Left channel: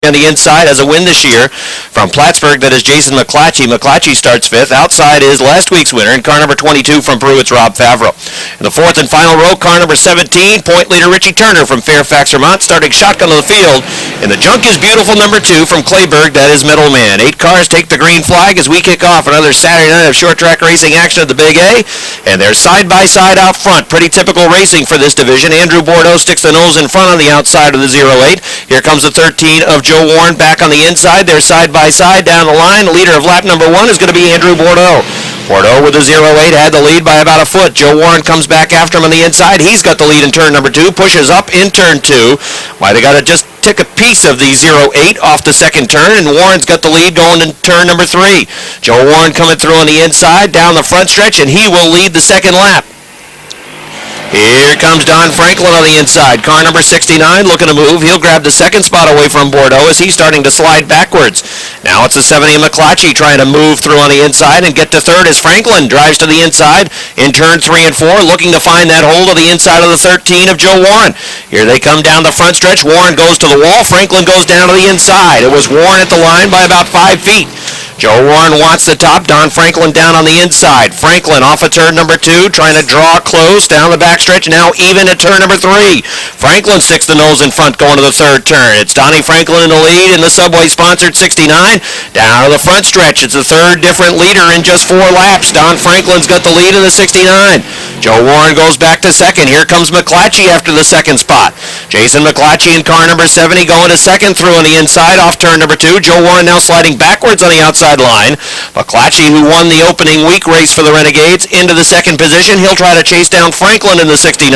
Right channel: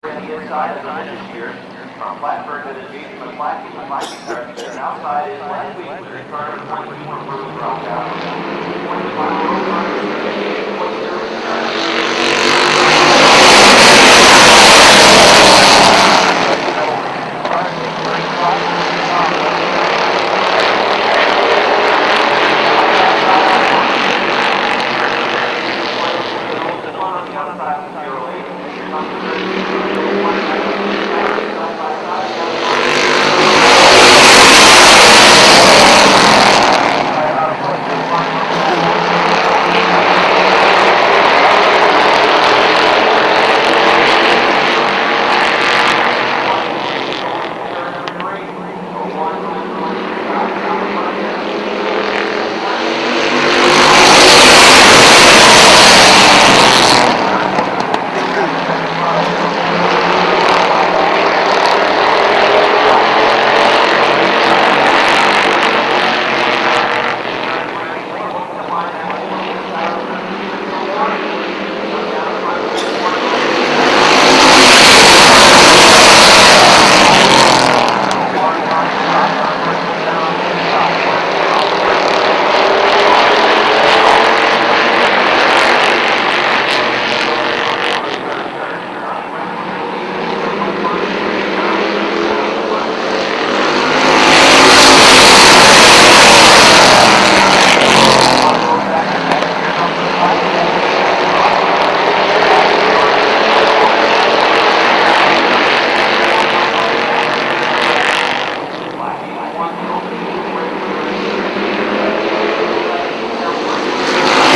On the inside has a win this year from Plattsburgh. That is Jason McClatchy. McClatchy starts fifth. Outside is last week's winner in car number 22 from Peru. It's Rob Favreau. In the fourth and final row, car number 17, point leader Richie Turner from Fairfax, Vermont, starting shotgun of the field. And the junk is beautiful number 2 from Clayburgh. That is Middleman. 8 cars take the green flag as we kick off another Saturday night of short track racing action at the Big A. And they're side by side out front. Pretty typical racing for this division. Andrew Bordeaux sticks the nose in front on the outside of the 08. Here comes the 13 of Joe Warren back on the inside. They're side by side down the line. The leader of lap number 1 is going to be Andrew Bordeaux. Bordeaux with the 08 had the lead by about a foot. Joe Warren comes back after him on the inside. He's got the lead in turn number 2. Pushes up in turn 2. Might have got to just take a piece of the 08 off the second turn, and Warren's got the lead going in turn number 3. Joe Warren coming through on the inside down the front stretch, and he will lead the second lap. Here comes Don Franklin on the inside. Car number 69 looking to move. He'll grab the second spot away from Bordeaux as he's starting to slide backwards. Now it's the 70 of McClatchy trying to move through on the inside and get to third as Franklin drives to the inside in turn 3 and 4, looking to find that hold of the inside of the 13 of Joe Warren. Here they come down the front stretch. Warren goes to the wall. Franklin goes down to the inside. It was Warren at the line by about 5 feet. Joe Warren wants the top. Don Franklin down on the inside. Franklin off of turn number 2, trying to draw close down the backstretch. Now even at turn number 3. Franklin sticks the nose in front going to the third turn. It's Donnie Franklin in the lead in the Subway-sponsored 69. Down to the front stretch. It's the third different leader in just 4 laps. Don Franklin's got the lead in the 69. Joe Warren goes back to second. Here comes McClatchy after the second spot. Jason McClatchy in car number 70 going to second through on the inside off turn number 2. Joe Warren now sliding backwards on the outside line. McClatchy, who won the opening week race for the Renegades, into the second position. He'll try to chase down Franklin in the 69.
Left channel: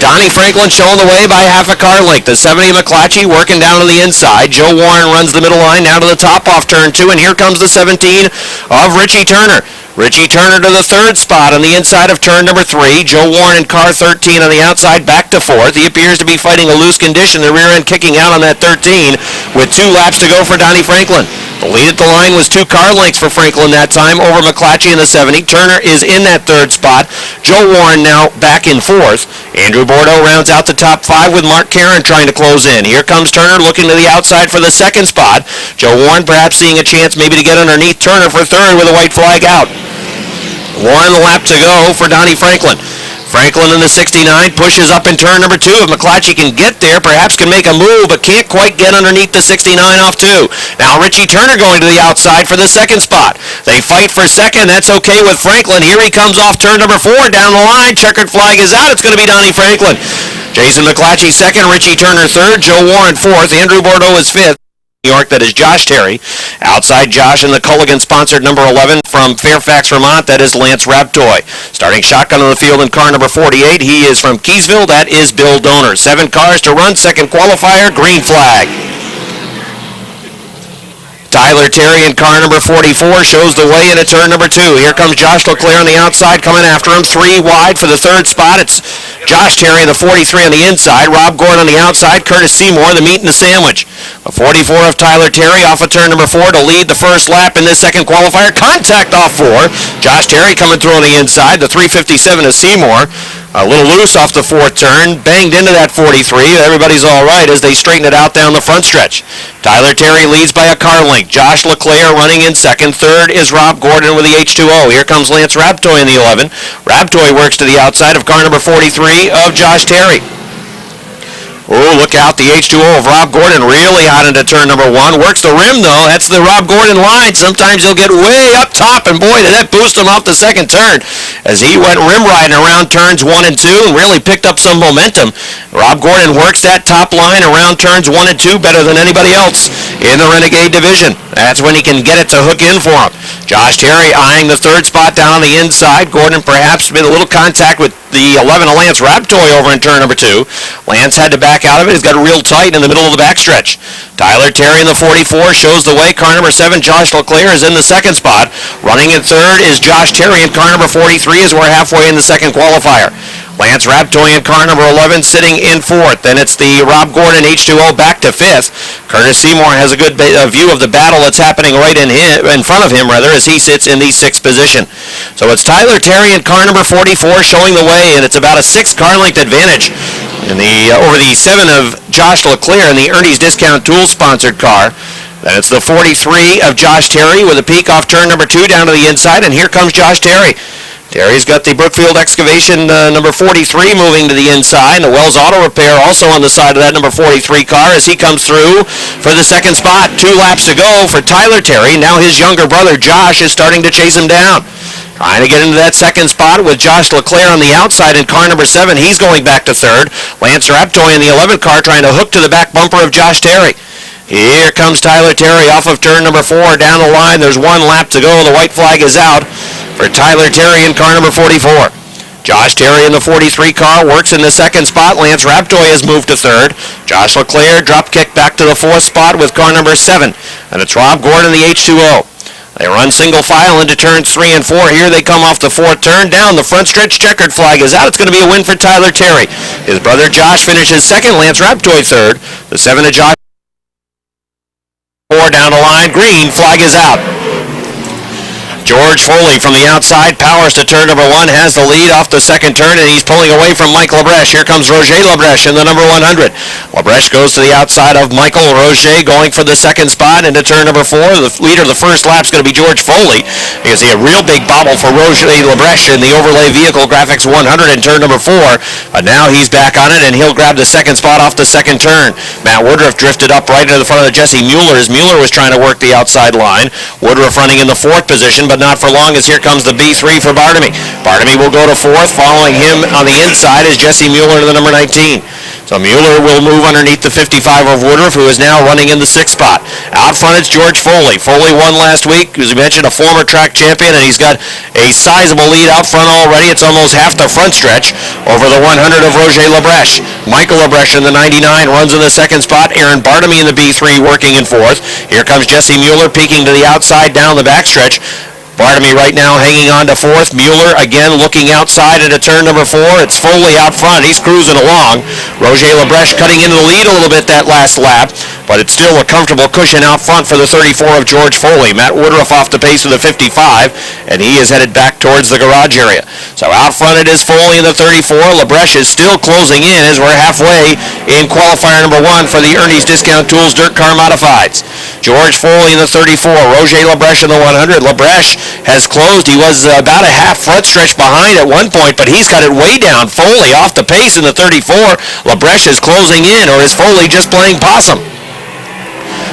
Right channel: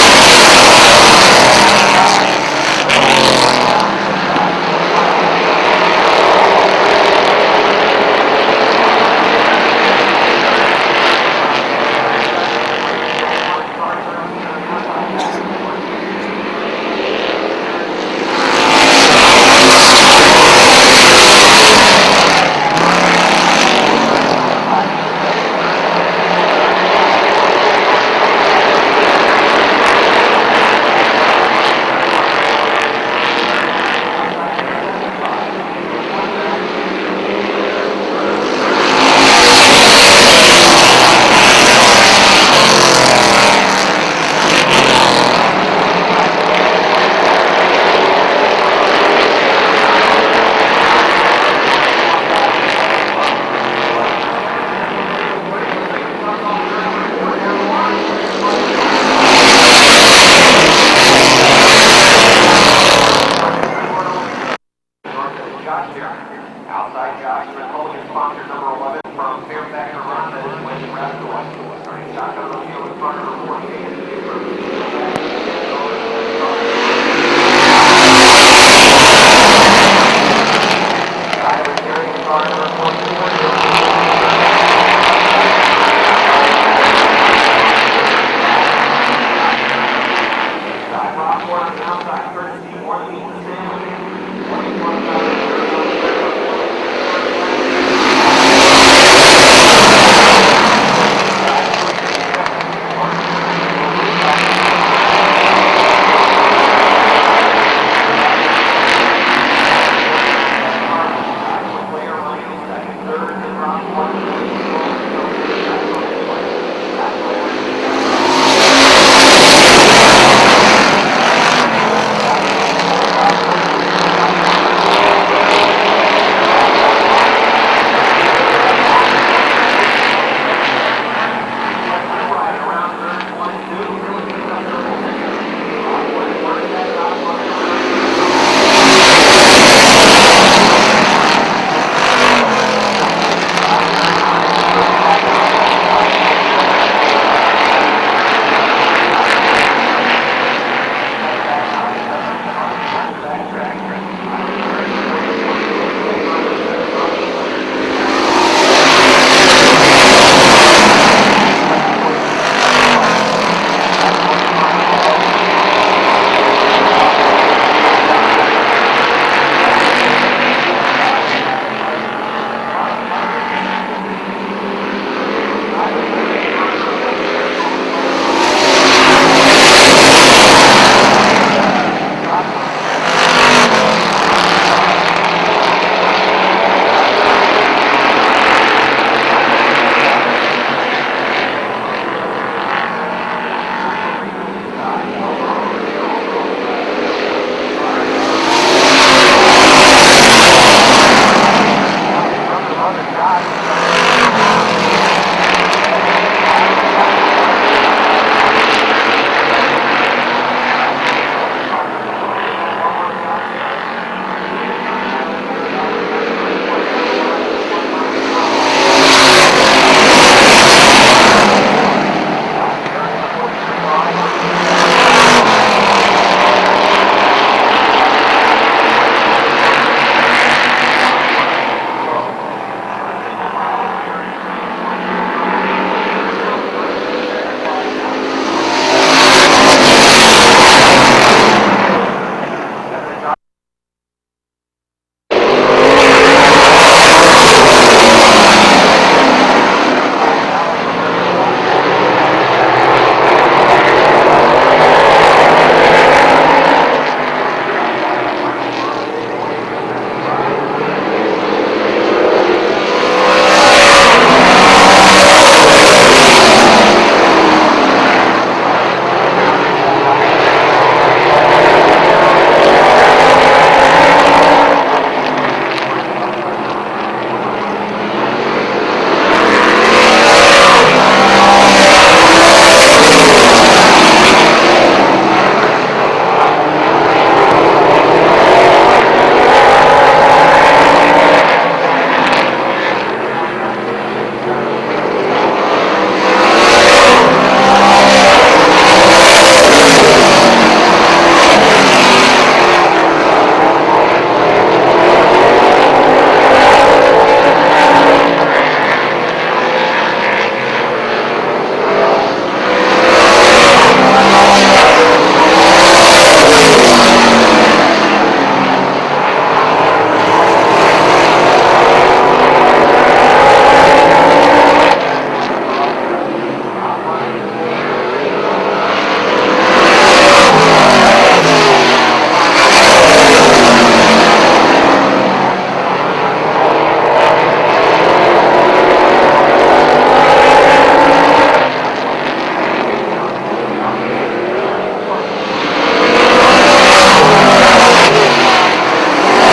Donnie Franklin showing the way by half a car length. The 70 McClatchy working down on the inside. Joe Warren runs the middle line down to the top off turn 2, and here comes the 17 of Richie Turner. Richie Turner to the third spot on the inside of turn number 3. Joe Warren in car 13 on the outside back to fourth. He appears to be fighting a loose condition. The rear end kicking out on that 13 with 2 laps to go for Donnie Franklin. The lead at the line was 2 car lengths for Franklin that time over McClatchy in the 70. Turner is in that third spot. Joe Warren now back in fourth. Andrew Bordeaux rounds out the top 5 with Mark Caron trying to close in. Here comes Turner looking to the outside for the second spot. Joe Warren perhaps seeing a chance maybe to get underneath Turner for third with a white flag out. 1 lap to go for Donnie Franklin. Franklin in the 69 pushes up in turn number 2. If McClatchy can get there, perhaps can make a move, but can't quite get underneath the 69 off 2. Now Richie Turner going to the outside for the second spot. They fight for second. That's okay with Franklin. Here he comes off turn number 4 down the line. Checkered flag is out. It's going to be Donnie Franklin. Jason McClatchy second. Richie Turner third. Joe Warren fourth. Andrew Bordeaux is fifth. New York, that is Josh Terry. Outside Josh in the Culligan-sponsored number 11 from Fairfax, Vermont, that is Lance Raptor. Starting shotgun on the field in car number 48, he is from Keysville, that is Bill Donor. 7 cars to run, second qualifier, green flag. Tyler Terry in car number 44 shows the way into turn number 2. Here comes Josh Leclerc on the outside coming after him. 3 wide for the third spot. It's Josh Terry in the 43 on the inside. Rob Gordon on the outside. Curtis Seymour, the meat and the sandwich. A 44 of Tyler Terry off of turn number 4 to lead the first lap in this second qualifier. Contact off 4. Josh Terry coming through on the inside. The 357 of Seymour. A little loose off the 4th turn. Banged into that 43. Everybody's all right as they straighten it out down the front stretch. Tyler Terry leads by a car length. Josh Leclerc running in second. Third is Rob Gordon with the H2O. Here comes Lance Raptor in the 11. Raptor works to the outside of car number 43 of Josh Terry. Oh, look out, the H2O of Rob Gordon really hot into turn number 1. Works the rim, though. That's the Rob Gordon line. Sometimes he'll get way up top, and boy, did that boost him off the second turn as he went rim riding around turns 1 and 2 and really picked up some momentum. Rob Gordon works that top line around turns 1 and 2 better than anybody else in the Renegade division. That's when he can get it to hook in for him. Josh Terry eyeing the third spot down on the inside. Gordon perhaps made a little contact with the 11 of Lance Raptor over in turn number 2. Lance had to back out of it. He's got it real tight in the middle of the backstretch. Tyler Terry in the 44 shows the way. Car number 7, Josh Leclerc, is in the second spot. Running in third is Josh Terry, and car number 43 as we're halfway in the second qualifier. Lance Raptor in car number 11 sitting in 4th. Then it's the Rob Gordon H2O back to 5th. Curtis Seymour has a good view of the battle that's happening right in front of him, as he sits in the 6th position. So it's Tyler Terry in car number 44 showing the way, and it's about a 6 car length advantage over the 7 of Josh Leclerc in the Ernie's Discount Tools sponsored car. And it's the 43 of Josh Terry with a peek off turn number 2 down to the inside, and here comes Josh Terry. Terry's got the Brookfield Excavation number 43 moving to the inside. The Wells Auto Repair also on the side of that number 43 car as he comes through for the second spot. 2 laps to go for Tyler Terry. Now his younger brother Josh is starting to chase him down. Trying to get into that second spot with Josh Leclerc on the outside in car number 7. He's going back to third. Lance Raptor in the 11 car trying to hook to the back bumper of Josh Terry. Here comes Tyler Terry off of turn number 4 down the line. There's 1 lap to go. The white flag is out for Tyler Terry in car number 44. Josh Terry in the 43 car works in the second spot. Lance Raptoy has moved to third. Josh Leclerc drop kick back to the 4th spot with car number 7. And it's Rob Gordon, the H2O. They run single file into turns 3 and 4. Here they come off the 4th turn. Down the front stretch, checkered flag is out. It's going to be a win for Tyler Terry. His brother Josh finishes second. Lance Raptoy third. The 7 of Josh. 4 down the line. Green flag is out. George Foley from the outside powers to turn number 1, has the lead off the second turn, and he's pulling away from Mike Labreche. Here comes Roger Labreche in the number 100. Labreche goes to the outside of Michael. Roger going for the second spot into turn number 4. The leader of the first lap is going to be George Foley. You see a real big bobble for Roger Labreche in the Overlay Vehicle Graphics 100 in turn number 4. But now he's back on it, and he'll grab the second spot off the second turn. Matt Woodruff drifted up right into the front of Jesse Mueller as Mueller was trying to work the outside line. Woodruff running in the 4th position, but not for long as here comes the B3 for Bartamy. Bartamy will go to 4th, following him on the inside is Jesse Mueller in the number 19. So Mueller will move underneath the 55 of Woodruff, who is now running in the 6th spot. Out front it's George Foley. Foley won last week, as we mentioned, a former track champion, and he's got a sizable lead out front already. It's almost half the front stretch over the 100 of Roger Labreche. Michael Labreche in the 99 runs in the 2nd spot. Aaron Bartamy in the B3 working in 4th. Here comes Jesse Mueller peeking to the outside down the backstretch. Bartamy right now hanging on to 4th. Mueller again looking outside into turn number 4. It's Foley out front. He's cruising along. Roger Labreche cutting into the lead a little bit that last lap, but it's still a comfortable cushion out front for the 34 of George Foley. Matt Woodruff off the pace with the 55, and he is headed back towards the garage area. So out front it is Foley in the 34. Labreche is still closing in as we're halfway in qualifier number 1 for the Ernie's Discount Tools Dirt Car Modifieds. George Foley in the 34, Roger Labreche in the 100. Labreche has closed. He was about a half front stretch behind at one point, but he's got it way down. Foley off the pace in the 34. Labreche is closing in, or is Foley just playing possum?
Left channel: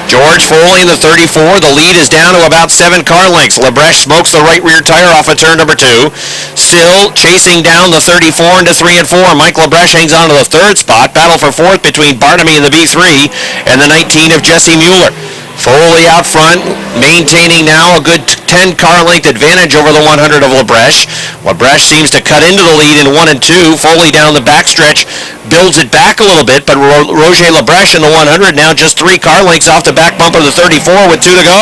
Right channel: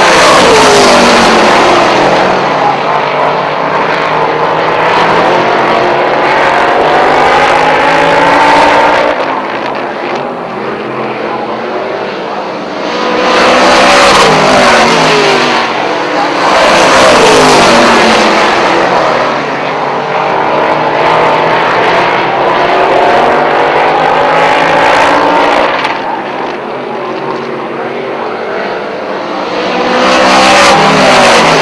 George Foley in the 34. The lead is down to about 7 car lengths. Labreche smokes the right rear tire off of turn number 2. Still chasing down the 34 into 3 and 4. Mike Labreche hangs on to the 3rd spot. Battle for 4th between Bartamy and the B3 and the 19 of Jesse Mueller. Foley out front, maintaining now a good 10 car length advantage over the 100 of Labreche. Labreche seems to cut into the lead in 1 and 2. Foley down the backstretch builds it back a little bit, but Roger Labreche in the 100 now just 3 car lengths off the back bumper of the 34 with 2 to go.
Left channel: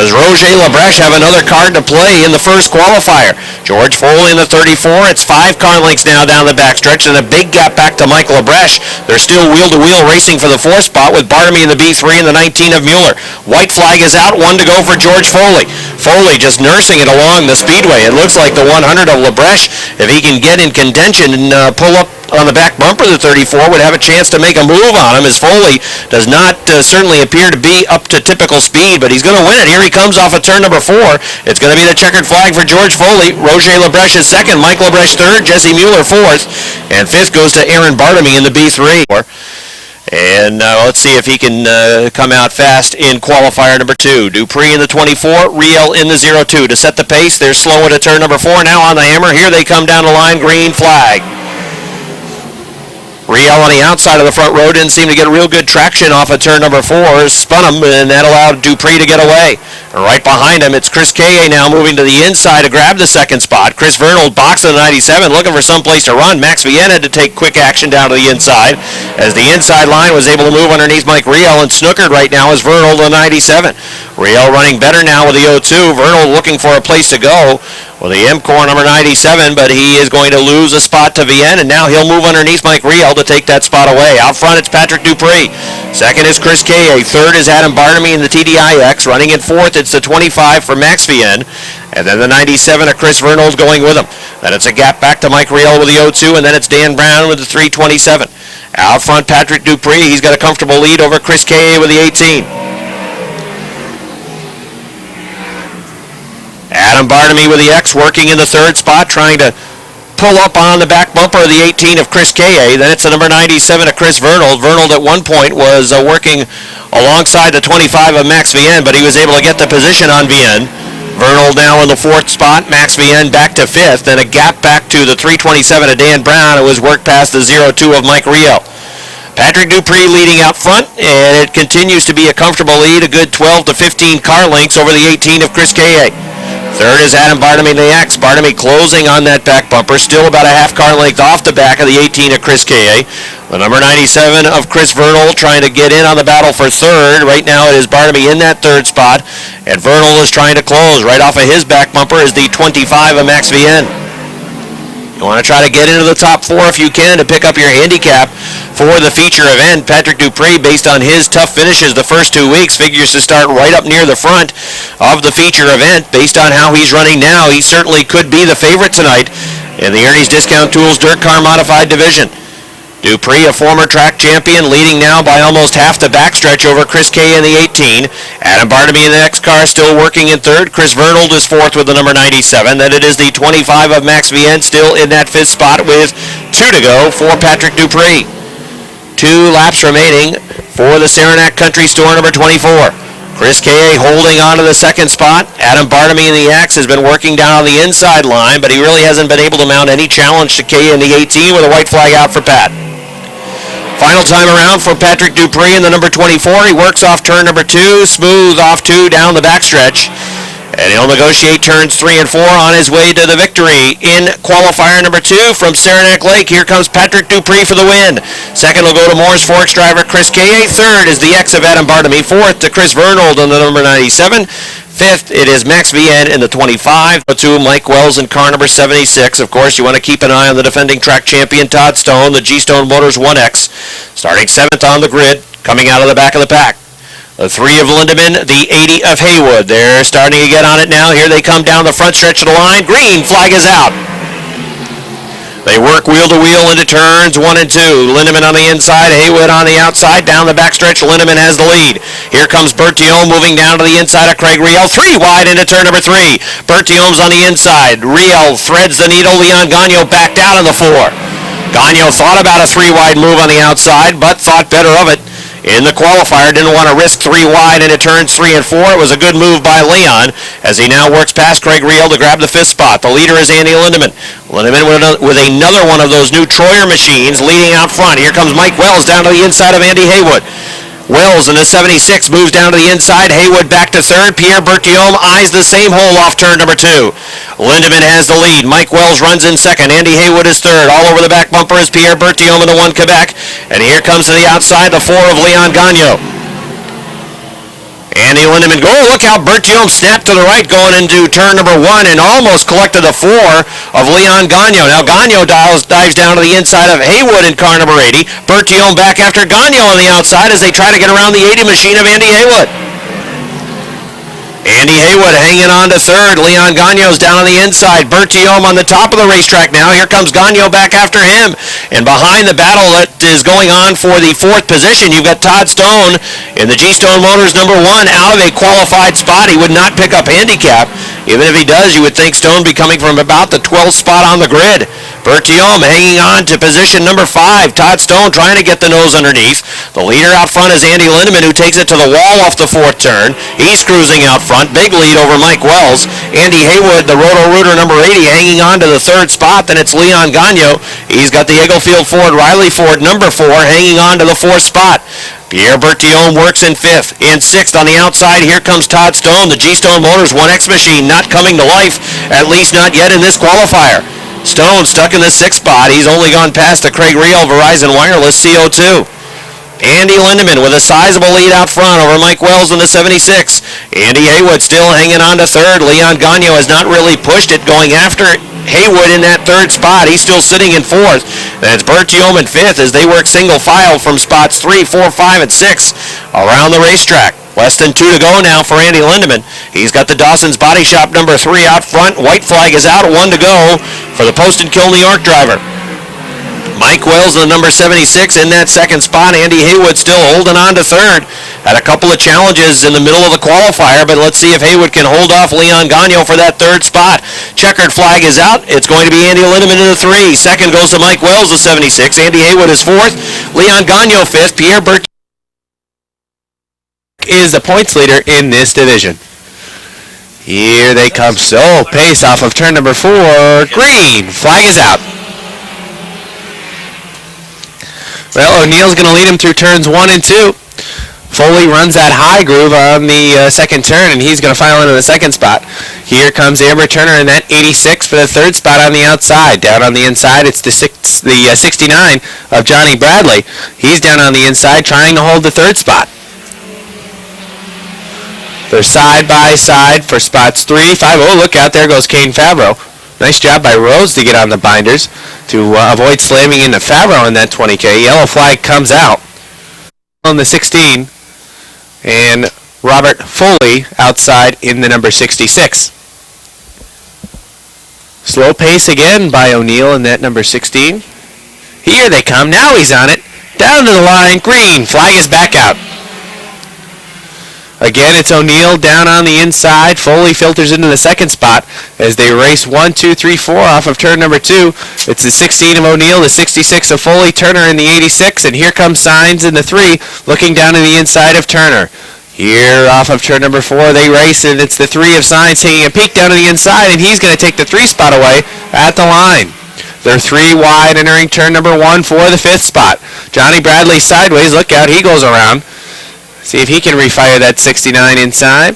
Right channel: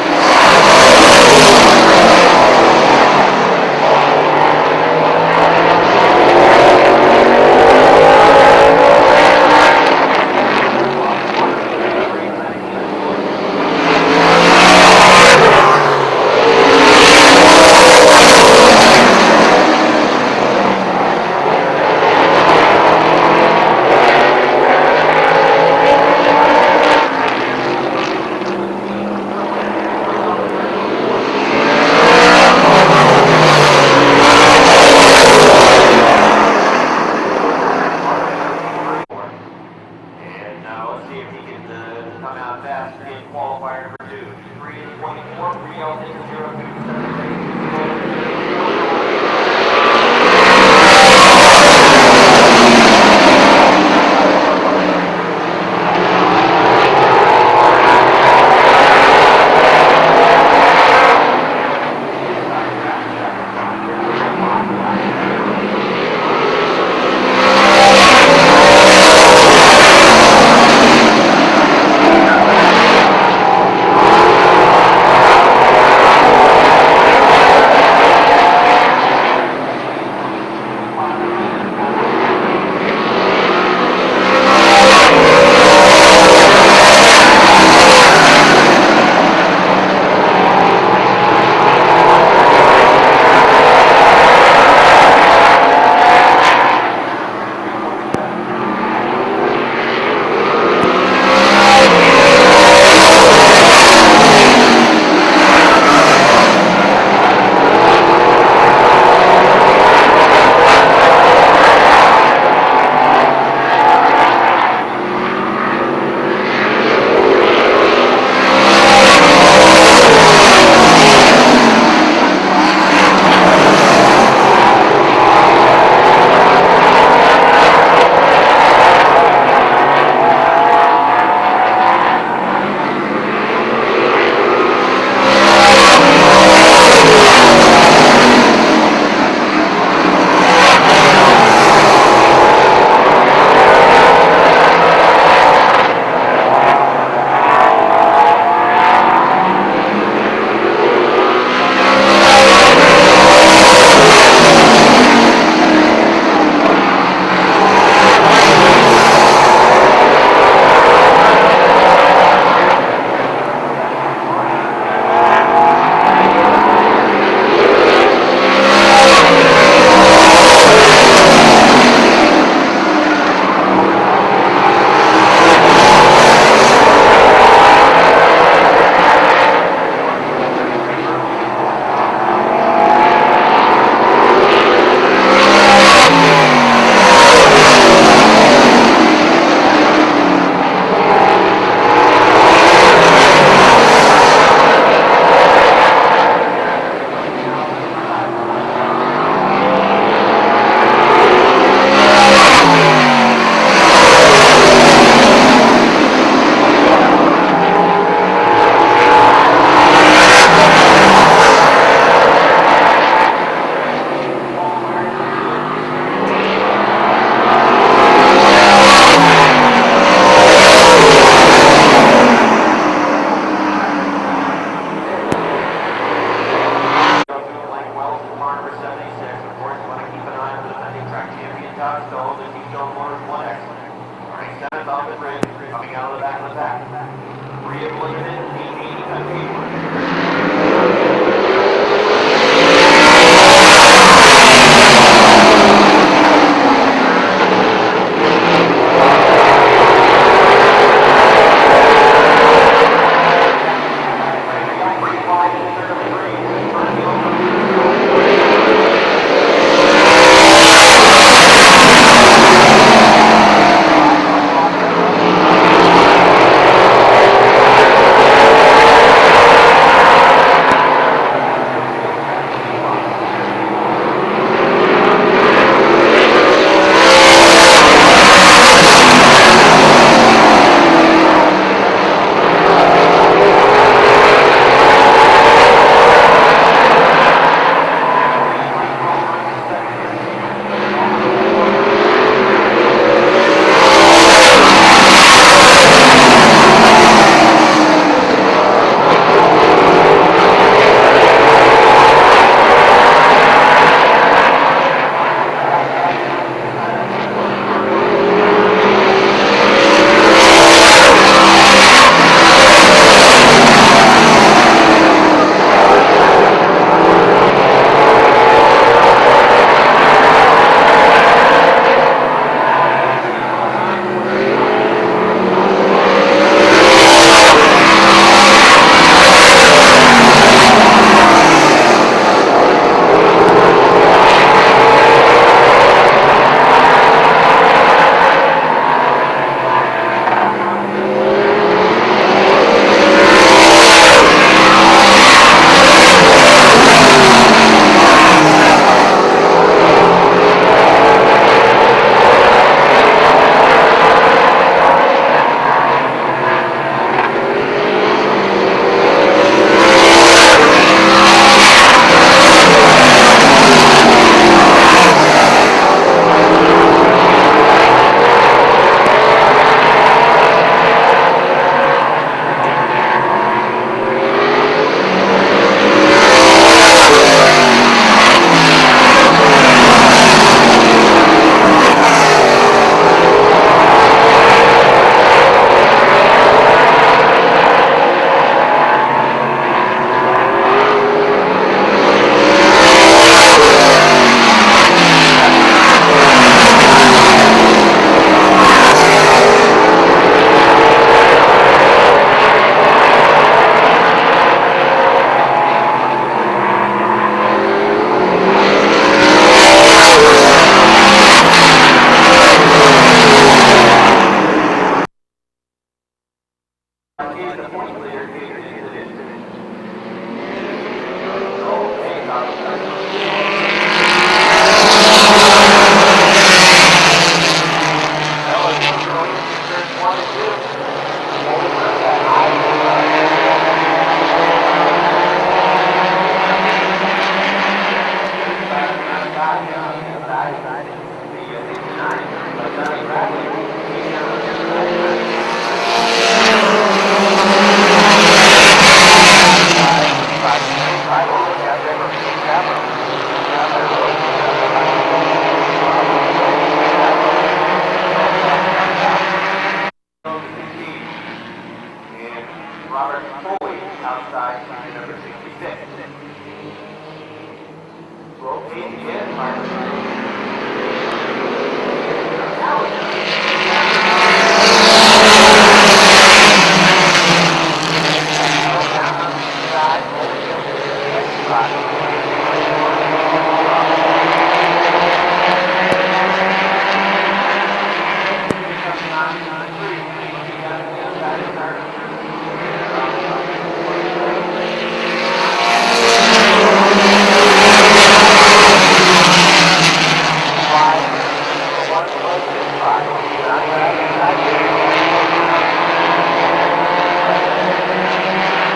Does Roger Labreche have another card to play in the first qualifier? George Foley in the 34. It's 5 car lengths now down the backstretch, and a big gap back to Michael Labreche. They're still wheel-to-wheel racing for the 4th spot with Bartamy in the B3 and the 19 of Mueller. White flag is out, 1 to go for George Foley. Foley just nursing it along the speedway. It looks like the 100 of Labreche, if he can get in contention and pull up on the back bumper of the 34, would have a chance to make a move on him, as Foley does not certainly appear to be up to typical speed, but he's going to win it. Here he comes off of turn number 4. It's going to be the checkered flag for George Foley. Roger Labreche is second, Michael Labreche third, Jesse Mueller 4th, and 5th goes to Aaron Bartamy in the B3. And let's see if he can come out fast in qualifier number 2. Dupree in the 24, Riel in the 02. To set the pace, they're slow into turn number 4. Now on the hammer. Here they come down the line. Green flag. Riel on the outside of the front row didn't seem to get real good traction off of turn number 4. Spun him, and that allowed Dupree to get away. Right behind him, it's Chris Kaye now moving to the inside to grab the second spot. Chris Vernold boxing the 97, looking for some place to run. Max Vienna to take quick action down to the inside, as the inside line was able to move underneath Mike Riel, and snookered right now is Vernold on 97. Riel running better now with the 02. Vernold looking for a place to go. Well, the M-Core number 97, but he is going to lose a spot to Vienna, and now he'll move underneath Mike Riel to take that spot away. Out front, it's Patrick Dupree. Second is Chris Kaye. Third is Adam Bartamy in the TDIX. Running in 4th, it's the 25 for Max Vienna. And then the 97 of Chris Vernold's going with him. And it's a gap back to Mike Riel with the 02, and then it's Dan Brown with the 327. Out front, Patrick Dupree. He's got a comfortable lead over Chris K.A. with the 18. Adam Barnamy with the X working in the third spot, trying to pull up on the back bumper of the 18 of Chris K.A. Then it's the number 97 of Chris Vernold. Vernold at one point was working alongside the 25 of Max Vienne, but he was able to get the position on Vienne. Vernold now in the fourth spot, Max Vienne back to fifth, then a gap back to the 327 of Dan Brown. It was worked past the 02 of Mike Rio. Patrick Dupree leading out front, and it continues to be a comfortable lead, a good 12 to 15 car lengths over the 18 of Chris K.A. There is Adam Barnamy, the X. Barnamy closing on that back bumper, still about a half car length off the back of the 18 of Chris K.A. The number 97 of Chris Vernold trying to get in on the battle for third. Right now it is Barnamy in that third spot, and Vernold is trying to close. Right off of his back bumper is the 25 of Max Vienne. Want to try to get into the top four if you can to pick up your handicap for the feature event. Patrick Dupree, based on his tough finishes the first 2 weeks, figures to start right up near the front of the feature event. Based on how he's running now, he certainly could be the favorite tonight in the Ernie's Discount Tools Dirt Car Modified Division. Dupree, a former track champion, leading now by almost half the backstretch over Chris K in the 18. Adam Barnamy in the next car still working in third. Chris Vernold is fourth with the number 97. Then it is the 25 of Max Vienne still in that fifth spot with 2 to go for Patrick Dupree. 2 laps remaining for the Saranac Country Store number 24. Chris K.A. holding on to the second spot. Adam Barnamy in the X has been working down on the inside line, but he really hasn't been able to mount any challenge to K in the 18 with a white flag out for Pat. Final time around for Patrick Dupree in the number 24. He works off turn number 2, smooth off 2 down the backstretch. And he'll negotiate turns 3 and 4 on his way to the victory in qualifier number 2 from Saranac Lake. Here comes Patrick Dupree for the win. Second will go to Morris Forks driver Chris K.A. Third is the X of Adam Barnamy. Fourth to Chris Vernold in the number 97. Fifth, it is Max Vienne in the 25. To Mike Wells in car number 76. Of course, you want to keep an eye on the defending track champion Todd Stone, the G-Stone Motors 1X, starting 7th on the grid, coming out of the back of the pack. The 3 of Lindemann, the 80 of Haywood. They're starting to get on it now. Here they come down the front stretch of the line. Green flag is out. They work wheel to wheel into turns 1 and 2. Lindemann on the inside, Haywood on the outside. Down the backstretch, Lindemann has the lead. Here comes Bertillon moving down to the inside of Craig Riel. 3 wide into turn number 3. Bertillon's on the inside. Riel threads the needle. Leon Gagnon backed out of the 4. Gagnon thought about a 3 wide move on the outside, but thought better of it in the qualifier. Didn't want to risk 3 wide into turns 3 and 4. It was a good move by Leon as he now works past Craig Riel to grab the 5th spot. The leader is Andy Lindemann. Lindemann with another one of those new Troyer machines leading out front. Here comes Mike Wells down to the inside of Andy Haywood. Wells in the 76 moves down to the inside. Haywood back to third. Pierre Bertillon eyes the same hole off turn number 2. Lindemann has the lead. Mike Wells runs in second. Andy Haywood is third. All over the back bumper is Pierre Bertillon in the 1 Quebec. And here comes to the outside the 4 of Leon Gagnon. Andy Lindemann, look how Bertillon snapped to the right going into turn number 1 and almost collected the 4 of Leon Gagnon. Now Gagnon dives down to the inside of Haywood in car number 80. Bertillon back after Gagnon on the outside as they try to get around the 80 machine of Andy Haywood. Andy Haywood hanging on to third. Leon Gagnon's down on the inside. Bertillon on the top of the racetrack now. Here comes Gagnon back after him. And behind the battle that is going on for the 4th position, you've got Todd Stone in the G-Stone Motors number 1 out of a qualified spot. He would not pick up handicap. Even if he does, you would think Stone be coming from about the 12th spot on the grid. Bertillon hanging on to position number 5. Todd Stone trying to get the nose underneath. The leader out front is Andy Lindemann, who takes it to the wall off the 4th turn. He's cruising out front. Big lead over Mike Wells. Andy Haywood, the Roto-Rooter number 80, hanging on to the 3rd spot. Then it's Leon Gagnon. He's got the Eaglefield Ford, Riley Ford number 4, hanging on to the 4th spot. Pierre Bertillon works in 5th. In 6th on the outside, here comes Todd Stone. The G-Stone Motors 1X machine not coming to life, at least not yet in this qualifier. Stone stuck in the 6th spot. He's only gone past the Craig Riel Verizon Wireless CO2. Andy Lindemann with a sizable lead out front over Mike Wells in the 76. Andy Haywood still hanging on to third. Leon Gagnon has not really pushed it, going after Haywood in that 3rd spot. He's still sitting in 4th. And it's Bertillon in 5th as they work single file from spots 3, 4, 5, and 6 around the racetrack. Less than 2 to go now for Andy Lindemann. He's got the Dawson's Body Shop number 3 out front. White flag is out, 1 to go for the Posted Kill New York driver. Mike Wells, the number 76, in that second spot. Andy Haywood still holding on to third. Had a couple of challenges in the middle of the qualifier, but let's see if Haywood can hold off Leon Gagnon for that third spot. Checkered flag is out. It's going to be Andy Lindemann in the 3. Second goes to Mike Wells with 76. Andy Haywood is 4th. Leon Gagnon 5th. Pierre Burke is the points leader in this division. Here they come. So pace off of turn number 4. Green. Flag is out. Well, O'Neill's going to lead him through turns 1 and 2. Foley runs that high groove on the second turn, and he's going to file into the second spot. Here comes Airborne Turner in that 86 for the third spot on the outside. Down on the inside, it's the 69 of Johnny Bradley. He's down on the inside trying to hold the third spot. We're side by side for spots 3, 5. Oh, look out, there goes Kane Favreau. Nice job by Rose to get on the binders to avoid slamming into Favreau in that 20K. Yellow flag comes out on the 16. And Robert Foley outside in the number 66. Slow pace again by O'Neill in that number 16. Here they come. Now he's on it. Down to the line. Green. Flag is back out. Again, it's O'Neill down on the inside. Foley filters into the second spot as they race 1, 2, 3, 4 off of turn number 2. It's the 16 of O'Neill, the 66 of Foley, Turner in the 86, and here comes Signs in the 3, looking down to the inside of Turner. Here off of turn number 4, they race, and it's the 3 of Signs taking a peek down to the inside, and he's going to take the 3 spot away at the line. They're 3 wide entering turn number 1 for the 5th spot. Johnny Bradley sideways. Look out, he goes around. See if he can refire that 69 inside.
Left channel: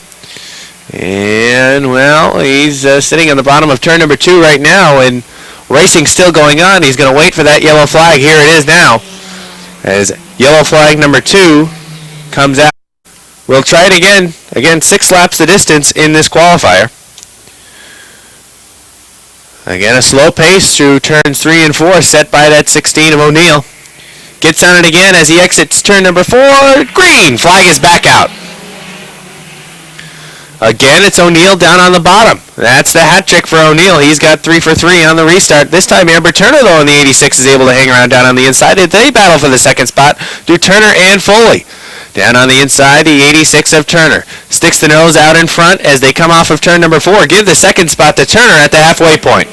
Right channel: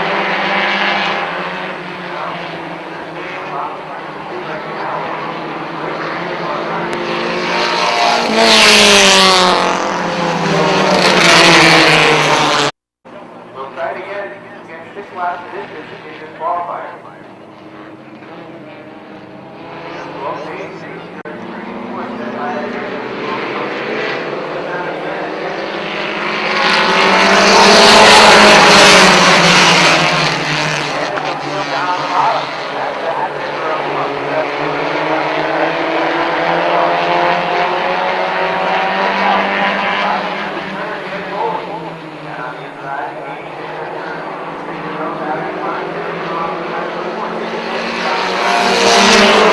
And, well, he's sitting on the bottom of turn number 2 right now, and racing still going on. He's going to wait for that yellow flag. Here it is now, as yellow flag number 2 comes out. We'll try it again. Again, 6 laps the distance in this qualifier. Again, a slow pace through turns 3 and 4 set by that 16 of O'Neill. Gets on it again as he exits turn number 4. Green. Flag is back out. Again, it's O'Neill down on the bottom. That's the hat trick for O'Neill. He's got 3 for 3 on the restart. This time, Airborne Turner, though, in the 86 is able to hang around down on the inside. They battle for the second spot. Do Turner and Foley. Down on the inside, the 86 of Turner. Sticks the nose out in front as they come off of turn number 4. Give the second spot to Turner at the halfway point.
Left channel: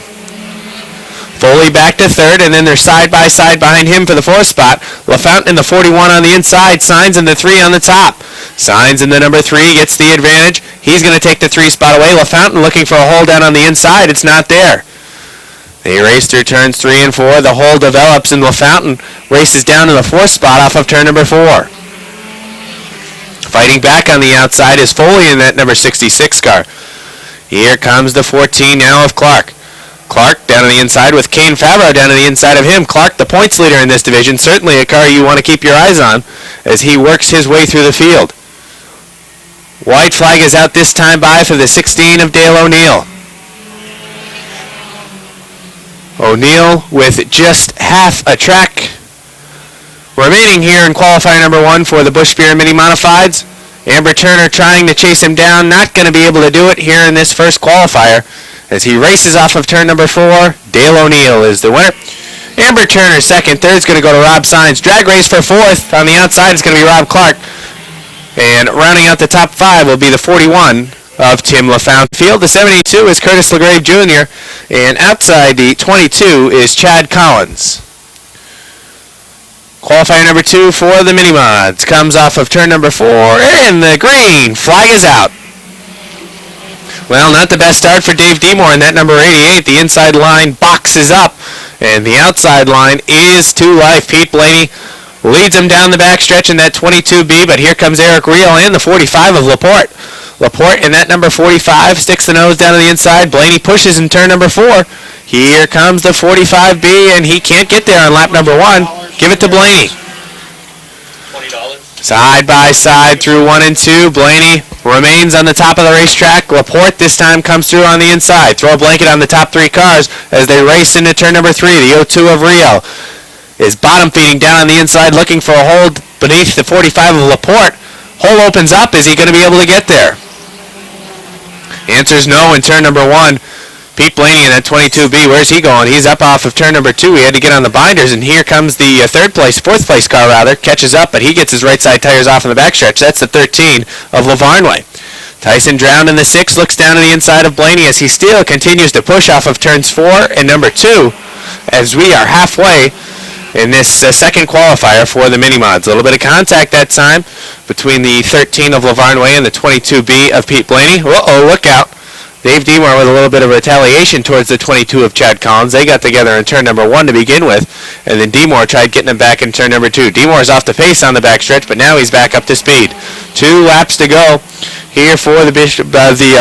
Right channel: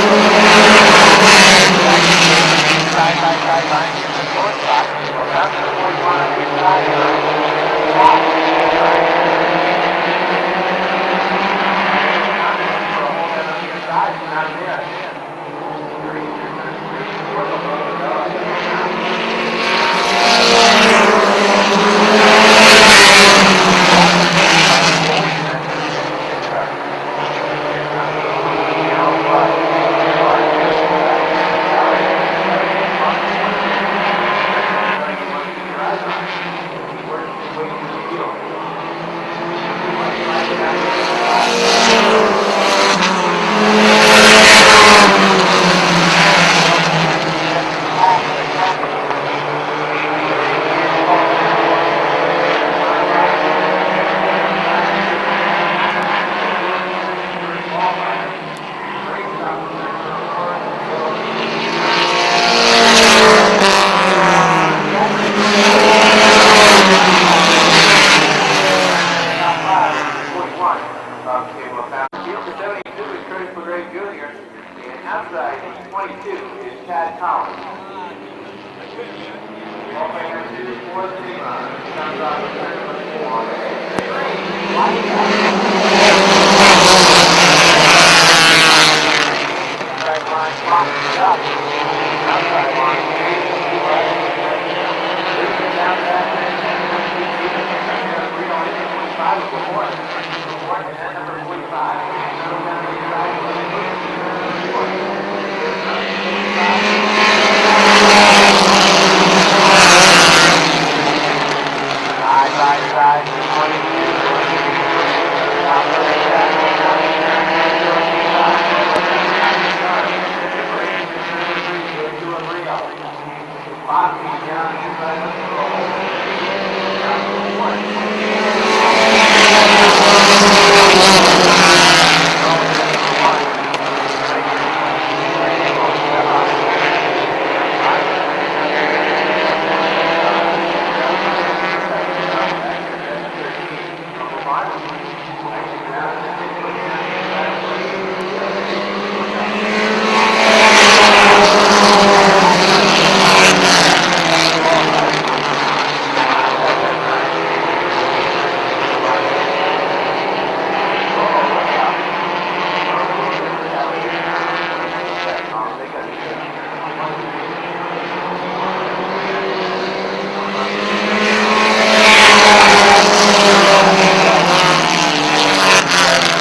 Foley back to third, and then they're side by side behind him for the 4th spot. LaFountain in the 41 on the inside, Signs in the 3 on the top. Signs in the number 3 gets the advantage. He's going to take the 3 spot away. LaFountain looking for a hole down on the inside. It's not there. They race through turns 3 and 4. The hole develops, and LaFountain races down to the 4th spot off of turn number 4. Fighting back on the outside is Foley in that number 66 car. Here comes the 14 now of Clark. Clark down on the inside with Kane Favreau down on the inside of him. Clark, the points leader in this division, certainly a car you want to keep your eyes on as he works his way through the field. White flag is out this time by for the 16 of Dale O'Neill. O'Neill with just half a track remaining here in qualifier number 1 for the Busch Beer Mini Modifieds. Airborne Turner trying to chase him down, not going to be able to do it here in this first qualifier. As he races off of turn number 4, Dale O'Neill is the winner. Airborne Turner second, third's going to go to Rob Signs. Drag race for 4th. On the outside is going to be Rob Clark. And rounding out the top 5 will be the 41 of Tim LaFountain. Field, the 72 is Curtis LaGrave Jr. And outside the 22 is Chad Collins. Qualifier number 2 for the Mini Mods comes off of turn number 4, and the green flag is out. Well, not the best start for Dave Demore in that number 88. The inside line boxes up, and the outside line is to life. Pete Blaney leads him down the back stretch in that 22B, but here comes Eric Reel and the 45 of Laporte. Laporte in that number 45 sticks the nose down to the inside. Blaney pushes in turn number 4. Here comes the 45B, and he can't get there on lap number 1. Give it to Blaney. Side by side through 1 and 2. Blaney remains on the top of the racetrack. Laporte this time comes through on the inside. Throw a blanket on the top 3 cars as they race into turn number 3. The 02 of Rio is bottom feeding down on the inside, looking for a hold beneath the 45 of Laporte. Hole opens up. Is he going to be able to get there? The answer is no in turn number 1. Pete Blaney in that 22B, where's he going? He's up off of turn number 2. He had to get on the binders, and here comes the fourth place car rather, catches up, but he gets his right side tires off in the backstretch. That's the 13 of Lavarnway. Tyson Drown in the 6 looks down to the inside of Blaney as he still continues to push off of turns 4 and number 2 as we are halfway in this second qualifier for the mini-mods. A little bit of contact that time between the 13 of Lavarnway and the 22B of Pete Blaney. Uh-oh, look out. Dave Demore with a little bit of retaliation towards the 22 of Chad Collins. They got together in turn number 1 to begin with, and then Demore tried getting him back in turn number 2. Demore's off the pace on the backstretch, but now he's back up to speed. 2 laps to go here for the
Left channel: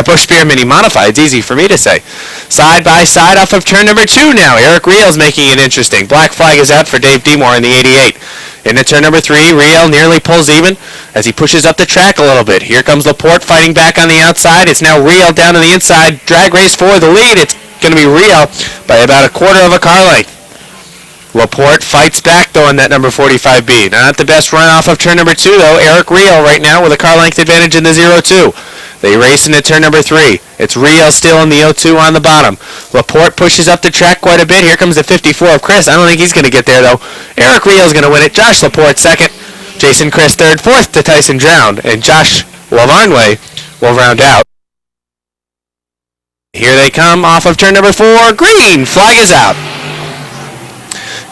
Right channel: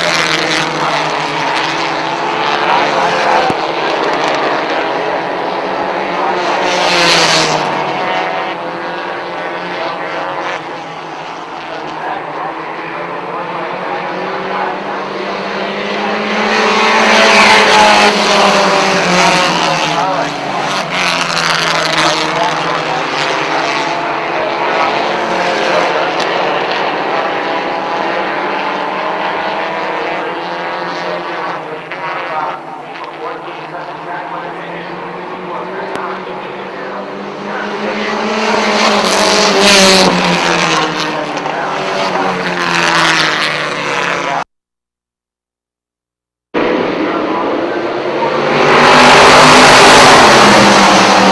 Busch Beer Mini Modified. It's easy for me to say. Side by side off of turn number 2 now. Eric Riel's making it interesting. Black flag is out for Dave Demore in the 88. Into turn number 3, Riel nearly pulls even as he pushes up the track a little bit. Here comes Laporte fighting back on the outside. It's now Riel down to the inside. Drag race for the lead. It's going to be Riel by about a quarter of a car length. Laporte fights back though in that number 45B. Not the best run off of turn number 2 though. Eric Riel right now with a car length advantage in the 0-2. They race into turn number 3. It's Riel still in the 0-2 on the bottom. Laporte pushes up the track quite a bit. Here comes the 54 of Chris. I don't think he's going to get there, though. Eric Riel's going to win it. Josh Laporte second. Jason Chris third. Fourth to Tyson Drown. And Josh Lavarnway will round out. Here they come off of turn number 4. Green flag is out.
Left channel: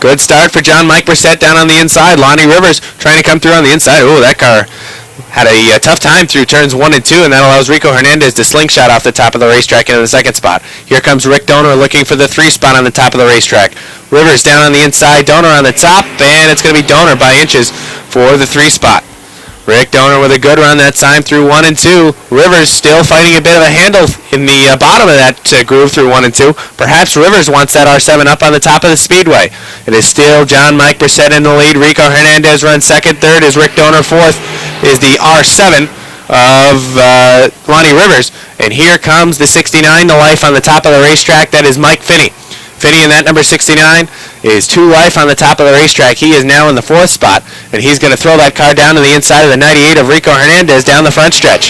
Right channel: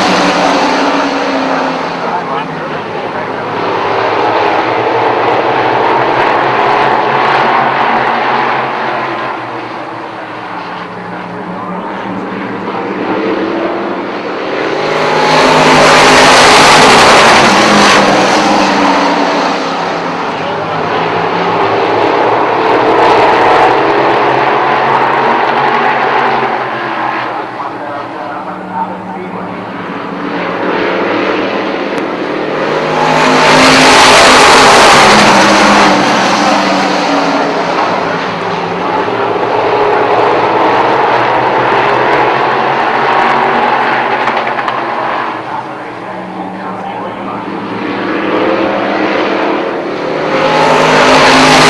Good start for John Mike Brissett down on the inside. Lonnie Rivers trying to come through on the inside. Ooh, that car had a tough time through turns 1 and 2, and that allows Rico Hernandez to slingshot off the top of the racetrack into the second spot. Here comes Rick Doner looking for the 3 spot on the top of the racetrack. Rivers down on the inside, Doner on the top, and it's going to be Doner by inches for the 3 spot. Rick Doner with a good run that time through 1 and 2. Rivers still fighting a bit of a handle in the bottom of that groove through 1 and 2. Perhaps Rivers wants that R7 up on the top of the speedway. It is still John Mike Brissett in the lead. Rico Hernandez runs second. Third is Rick Doner. Fourth is the R7 of Lonnie Rivers. And here comes the 69 to life on the top of the racetrack. That is Mike Finney. Finney in that number 69 is 2 life on the top of the racetrack. He is now in the 4th spot, and he's going to throw that car down to the inside of the 98 of Rico Hernandez down the front stretch.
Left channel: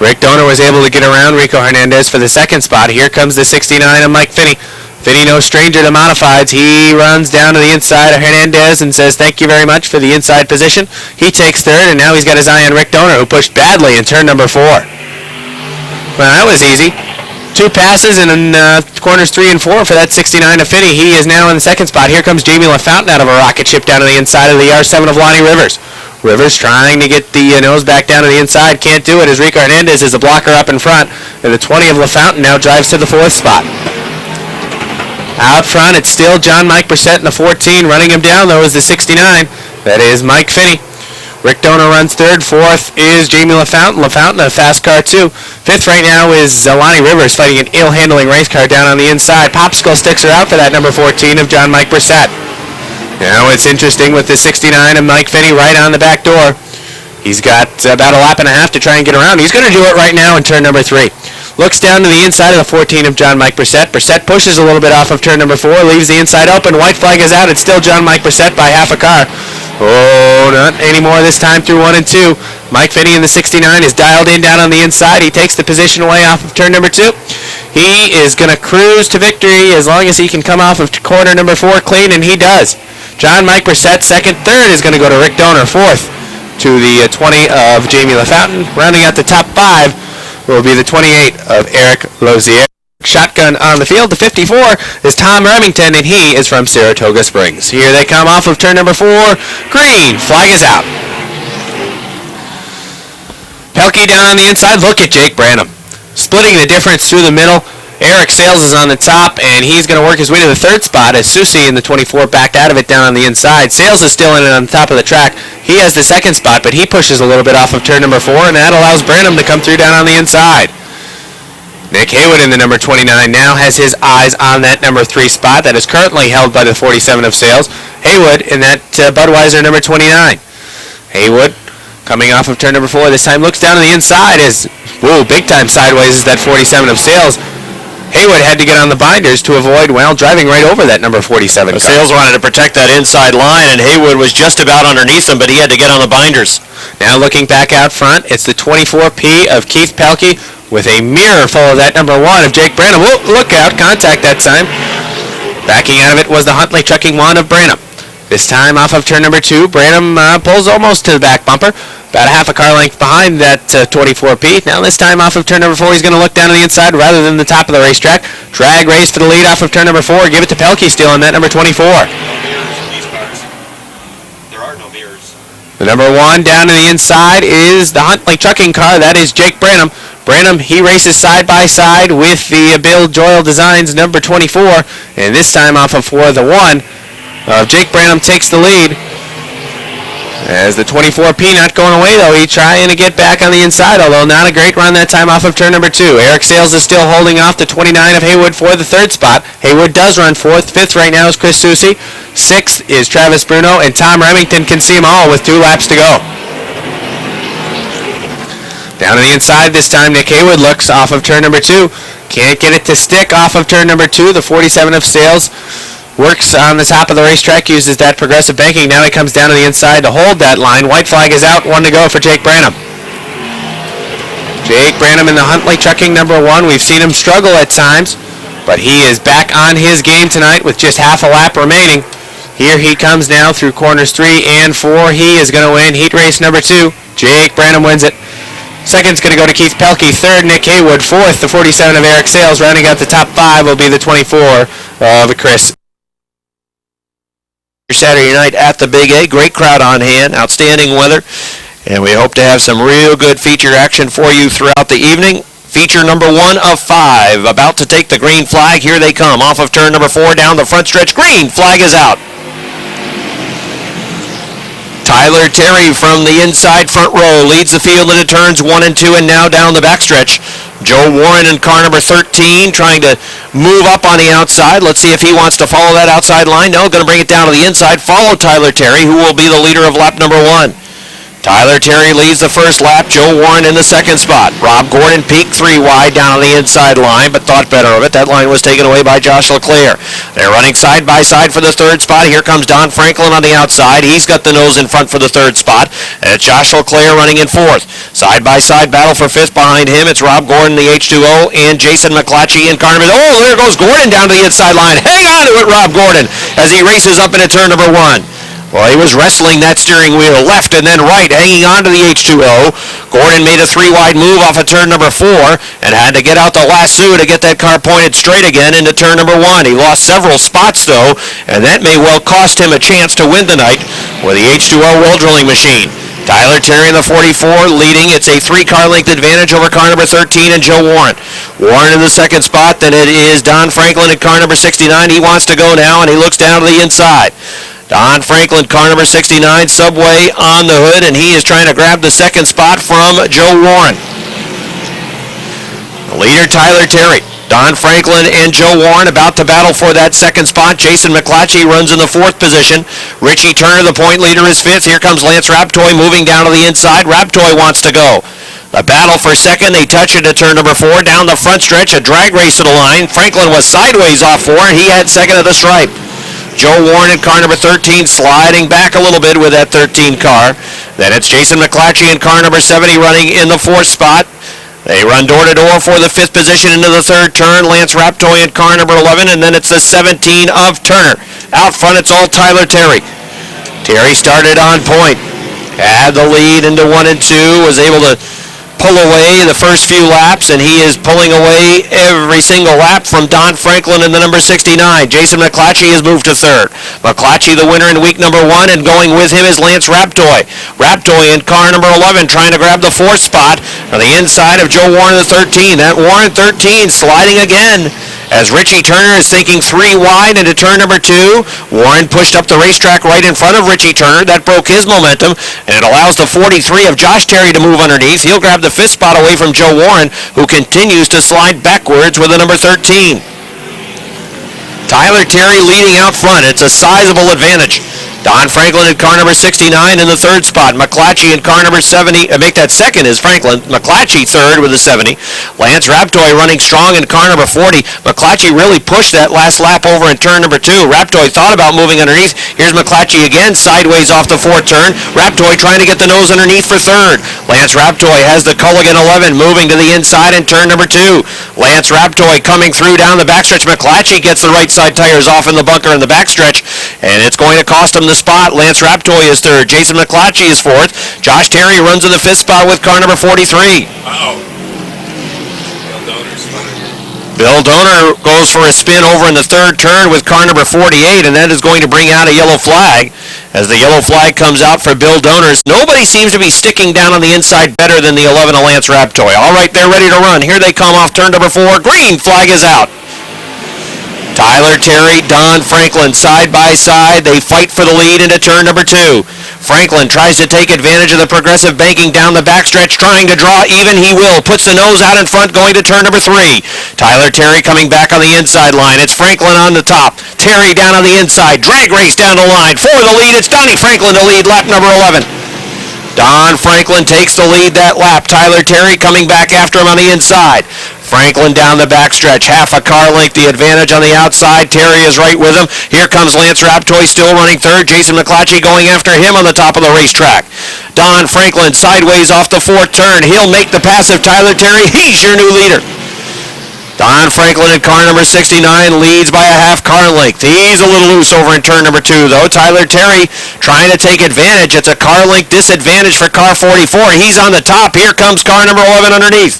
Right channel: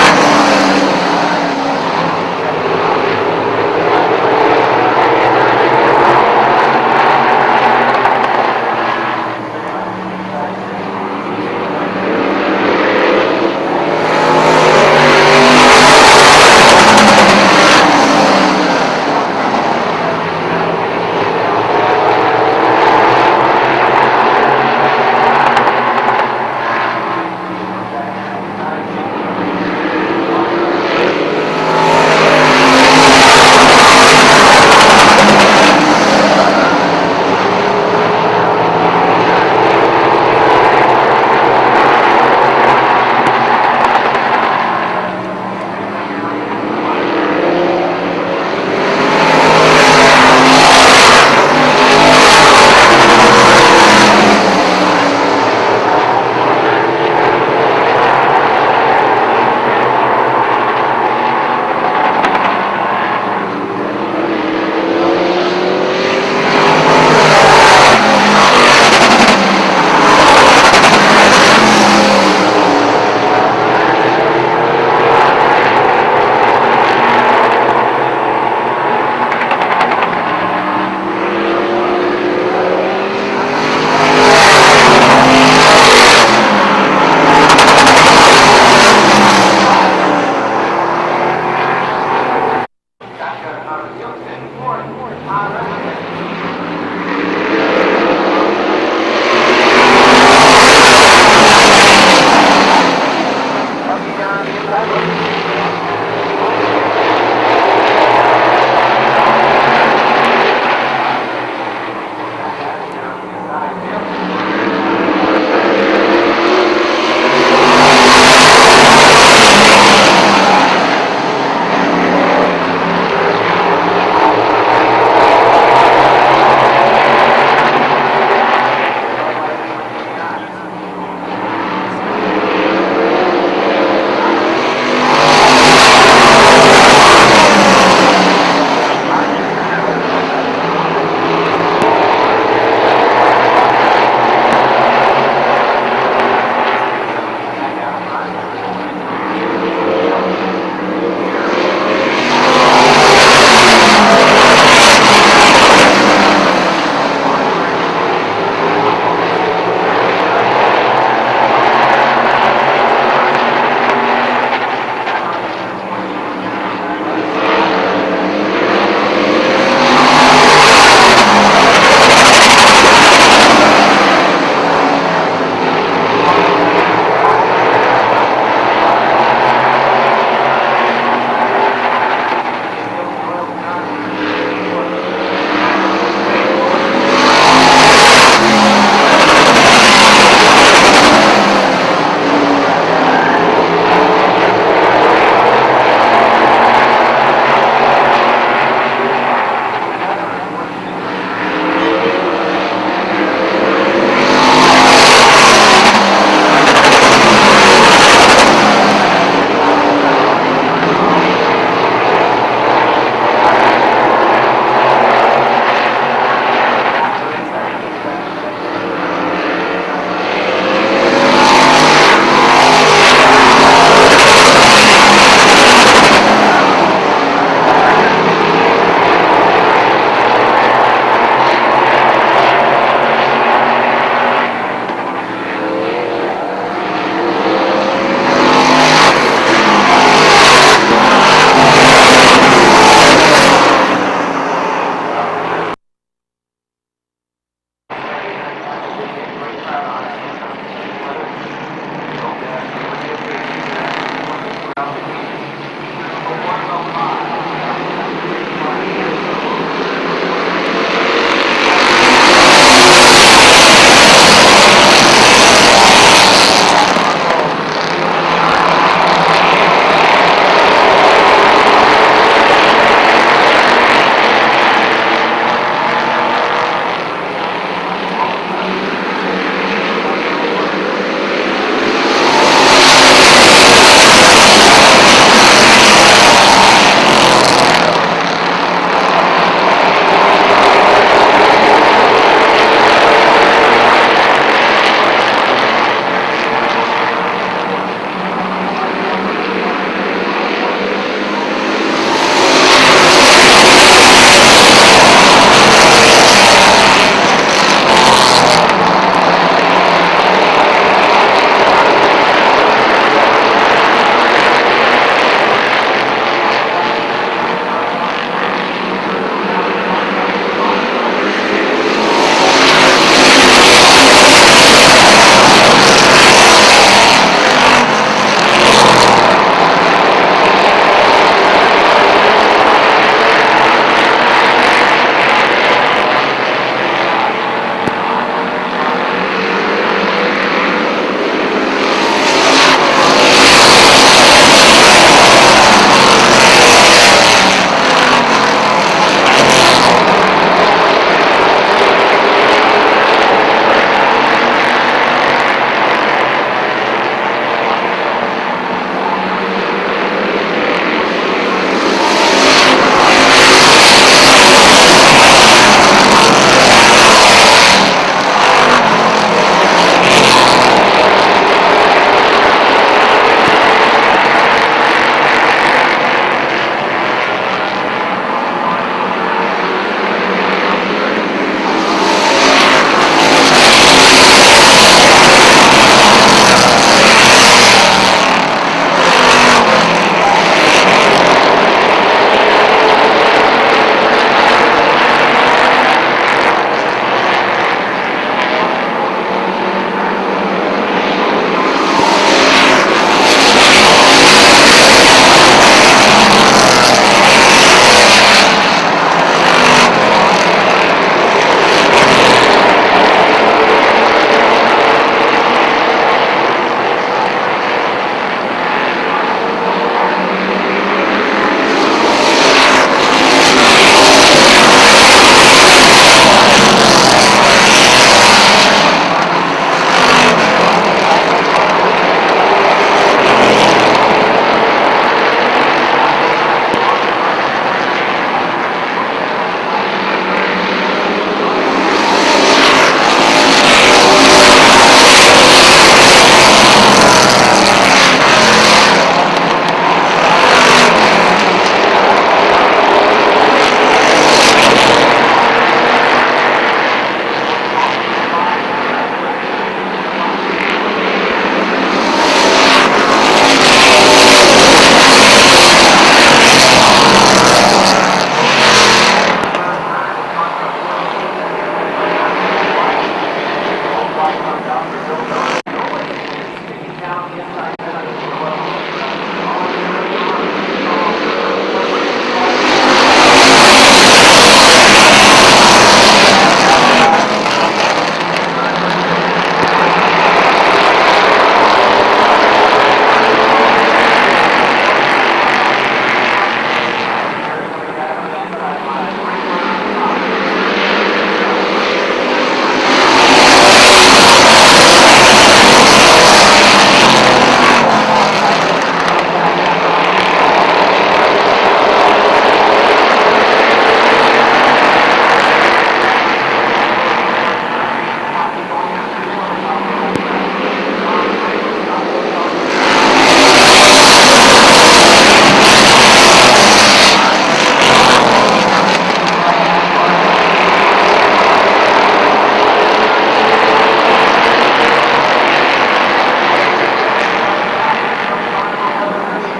Rick Doner was able to get around Rico Hernandez for the 2nd spot. Here comes the 69 of Mike Finney. Finney, no stranger to modifieds. He runs down to the inside of Hernandez and says thank you very much for the inside position. He takes 3rd, and now he's got his eye on Rick Doner, who pushed badly in turn number 4. Well, that was easy. 2 passes in corners 3 and 4 for that 69 of Finney. He is now in the 2nd spot. Here comes Jamie LaFountain out of a rocket ship down to the inside of the R7 of Lonnie Rivers. Rivers trying to get the nose back down to the inside. Can't do it as Rico Hernandez is a blocker up in front. And the 20 of LaFountain now drives to the 4th spot. Out front, it's still John Mike Brissett in the 14. Running him down, though, is the 69. That is Mike Finney. Rick Doner runs 3rd. 4th is Jamie LaFountain. LaFountain, a fast car, too. 5th right now is Lonnie Rivers fighting an ill-handling race car down on the inside. Popsicle sticks are out to that number 14 of John Mike Brissett. Now it's interesting with the 69 of Mike Finney right on the back door. He's got about a lap and a half to try and get around. He's going to do it right now in turn number 3. Looks down to the inside of the 14 of John Mike Brissett. Brissett pushes a little bit off of turn number 4, leaves the inside open. White flag is out. It's still John Mike Brissett by half a car. Oh, not anymore this time through 1 and 2. Mike Finney in the 69 is dialed in down on the inside. He takes the position away off of turn number 2. He is going to cruise to victory as long as he can come off of corner number 4 clean, and he does. John Mike Brissett, 2nd. 3rd is going to go to Rick Doner. 4th to the 20 of Jamie LaFountain. Rounding out the top 5 will be the 28 of Eric Lozier. Shotgun on the field. The 54 is Tom Remington, and he is from Saratoga Springs. Here they come off of turn number 4. Green flag is out. Pelkey down on the inside. Look at Jake Branham. Splitting the difference through the middle. Eric Sales is on the top, and he's going to work his way to the 3rd spot as Susie in the 24 backed out of it down on the inside. Sales is still in it on the top of the track. He has the 2nd spot, but he pushes a little bit off of turn number 4, and that allows Branham to come through down on the inside. Nick Haywood in the number 29 now has his eyes on that number 3 spot that is currently held by the 47 of Sales. Haywood in that Budweiser number 29. Haywood coming off of turn number 4 this time looks down to the inside as, big time sideways is that 47 of Sales. Haywood had to get on the binders to avoid, driving right over that number 47. Well, Sales wanted to protect that inside line, and Haywood was just about underneath him, but he had to get on the binders. Now looking back out front, it's the 24P of Keith Pelkey with a mirror full of that number 1 of Jake Branham. Whoa, look out, contact that time. Backing out of it was the Huntley Trucking 1 of Branham. This time off of turn number 2, Branham pulls almost to the back bumper, about a half a car length behind that 24P. Now this time off of turn number 4, he's going to look down to the inside rather than the top of the racetrack. Drag race for the lead off of turn number 4. Give it to Pelkey still on that number 24. The number 1 down to the inside is the Huntley Trucking car. That is Jake Branham. Branham, he races side by side with the Bill Joyle Designs number 24. And this time off of 4, the 1. Jake Branham takes the lead. As the 24P not going away though, he trying to get back on the inside, although not a great run that time off of turn number 2. Eric Sales is still holding off the 29 of Haywood for the 3rd spot. Haywood does run 4th. 5th right now is Chris Susi. 6th is Travis Bruno, and Tom Remington can see them all with 2 laps to go. Down to the inside this time, Nick Haywood looks off of turn number 2. Can't get it to stick off of turn number 2. The 47 of Sales works on the top of the racetrack, uses that progressive banking. Now he comes down to the inside to hold that line. White flag is out, 1 to go for Jake Branham. Jake Branham in the Huntley Trucking number 1. We've seen him struggle at times, but he is back on his game tonight with just half a lap remaining. Here he comes now through corners 3 and 4. He is going to win heat race number 2. Jake Branham wins it. Second's going to go to Keith Pelkey. 3rd, Nick Haywood. 4th, the 47 of Eric Sales. Rounding out the top 5 will be the 24 of Chris. Saturday night at the Big A. Great crowd on hand, outstanding weather, and we hope to have some real good feature action for you throughout the evening. Feature number 1 of 5 about to take the green flag. Here they come off of turn number 4 down the front stretch. Green flag is out. Tyler Terry from the inside front row leads the field into turns 1 and 2 and now down the backstretch. Joe Warren in car number 13 trying to move up on the outside. Let's see if he wants to follow that outside line. No, going to bring it down to the inside. Follow Tyler Terry, who will be the leader of lap number 1. Tyler Terry leads the first lap. Joe Warren in the second spot. Rob Gordon peaked 3 wide down on the inside line, but thought better of it. That line was taken away by Josh LeClaire. They're running side by side for the 3rd spot. Here comes Don Franklin on the outside. He's got the nose in front for the 3rd spot. And it's Josh LeClaire running in 4th. Side by side battle for 5th behind him. It's Rob Gordon, the H2O, and Jason McClatchy in car number. Oh, there goes Gordon down the inside line. Hang on to it, Rob Gordon, as he races up into turn number 1. Well, he was wrestling that steering wheel left and then right, hanging on to the H2O. Gordon made a 3-wide move off of turn number 4 and had to get out the lasso to get that car pointed straight again into turn number 1. He lost several spots, though, and that may well cost him a chance to win tonight for the H2O World Drilling Machine. Tyler Terry in the 44 leading. It's a 3-car length advantage over car number 13 and Joe Warren. Warren in the second spot, then it is Don Franklin at car number 69. He wants to go now, and he looks down to the inside. Don Franklin, car number 69, Subway on the hood, and he is trying to grab the second spot from Joe Warren. Leader Tyler Terry, Don Franklin and Joe Warren about to battle for that second spot. Jason McClatchy runs in the 4th position. Richie Turner, the point leader, is 5th. Here comes Lance Raptoy moving down to the inside. Raptoy wants to go. A battle for second. They touch it at turn number 4. Down the front stretch, a drag race to the line. Franklin was sideways off 4, and he had second at the stripe. Joe Warren in car number 13 sliding back a little bit with that 13 car. Then it's Jason McClatchy in car number 70 running in the 4th spot. They run door to door for the 5th position into the 3rd turn. Lance Raptoy in car number 11, and then it's the 17 of Turner. Out front, it's all Tyler Terry. Terry started on point. Had the lead into 1 and 2, was able to pull away the first few laps, and he is pulling away every single lap from Don Franklin in the number 69. Jason McClatchy has moved to 3rd. McClatchy the winner in week number 1, and going with him is Lance Raptoy. Raptoy in car number 11 trying to grab the 4th spot on the inside of Joe Warren the 13. That Warren 13 sliding again as Richie Turner is thinking 3 wide into turn number 2. Warren pushed up the racetrack right in front of Richie Turner. That broke his momentum, and it allows the 43 of Josh Terry to move underneath. He'll grab the 5th spot away from Joe Warren, who continues to slide backwards with the number 13. Tyler Terry leading out front. It's a sizable advantage. Don Franklin in car number 69 in the 3rd spot. McClatchy in car number 70. Make that second is Franklin. McClatchy 3rd with a 70. Lance Raptoy running strong in car number 40. McClatchy really pushed that last lap over in turn number 2. Raptoy thought about moving underneath. Here's McClatchy again, sideways off the 4th turn. Raptoy trying to get the nose underneath for 3rd. Lance Raptoy has the Culligan 11 moving to the inside in turn number 2. Lance Raptoy coming through down the backstretch. McClatchy gets the right side tires off in the bunker in the backstretch, and it's going to cost him the spot. Lance Raptoy is third. Jason McClatchy is fourth. Josh Terry runs in the fifth spot with car number 43. Bill Donor goes for a spin over in the third turn with car number 48, and that is going to bring out a yellow flag. As the yellow flag comes out for Bill Donors, nobody seems to be sticking down on the inside better than the 11 of Lance Raptoy. All right, they're ready to run. Here they come off turn number 4. Green flag is out. Tyler Terry, Don Franklin side by side. They fight for the lead into turn number 2. Franklin tries to take advantage of the progressive banking down the backstretch, trying to draw even. He will. Puts the nose out in front going to turn number 3. Tyler Terry coming back on the inside line. It's Franklin on the top. Terry down on the inside. Drag race down the line. For the lead, it's Donnie Franklin to lead lap number 11. Don Franklin takes the lead that lap. Tyler Terry coming back after him on the inside. Franklin down the backstretch, half a car length, the advantage on the outside. Terry is right with him. Here comes Lance Raptoy still running third. Jason McClatchy going after him on the top of the racetrack. Don Franklin sideways off the fourth turn. He'll make the pass of Tyler Terry. He's your new leader. Don Franklin in car number 69 leads by a half car length. He's a little loose over in turn number 2, though. Tyler Terry trying to take advantage. It's a car length disadvantage for car 44. He's on the top. Here comes car number 11 underneath.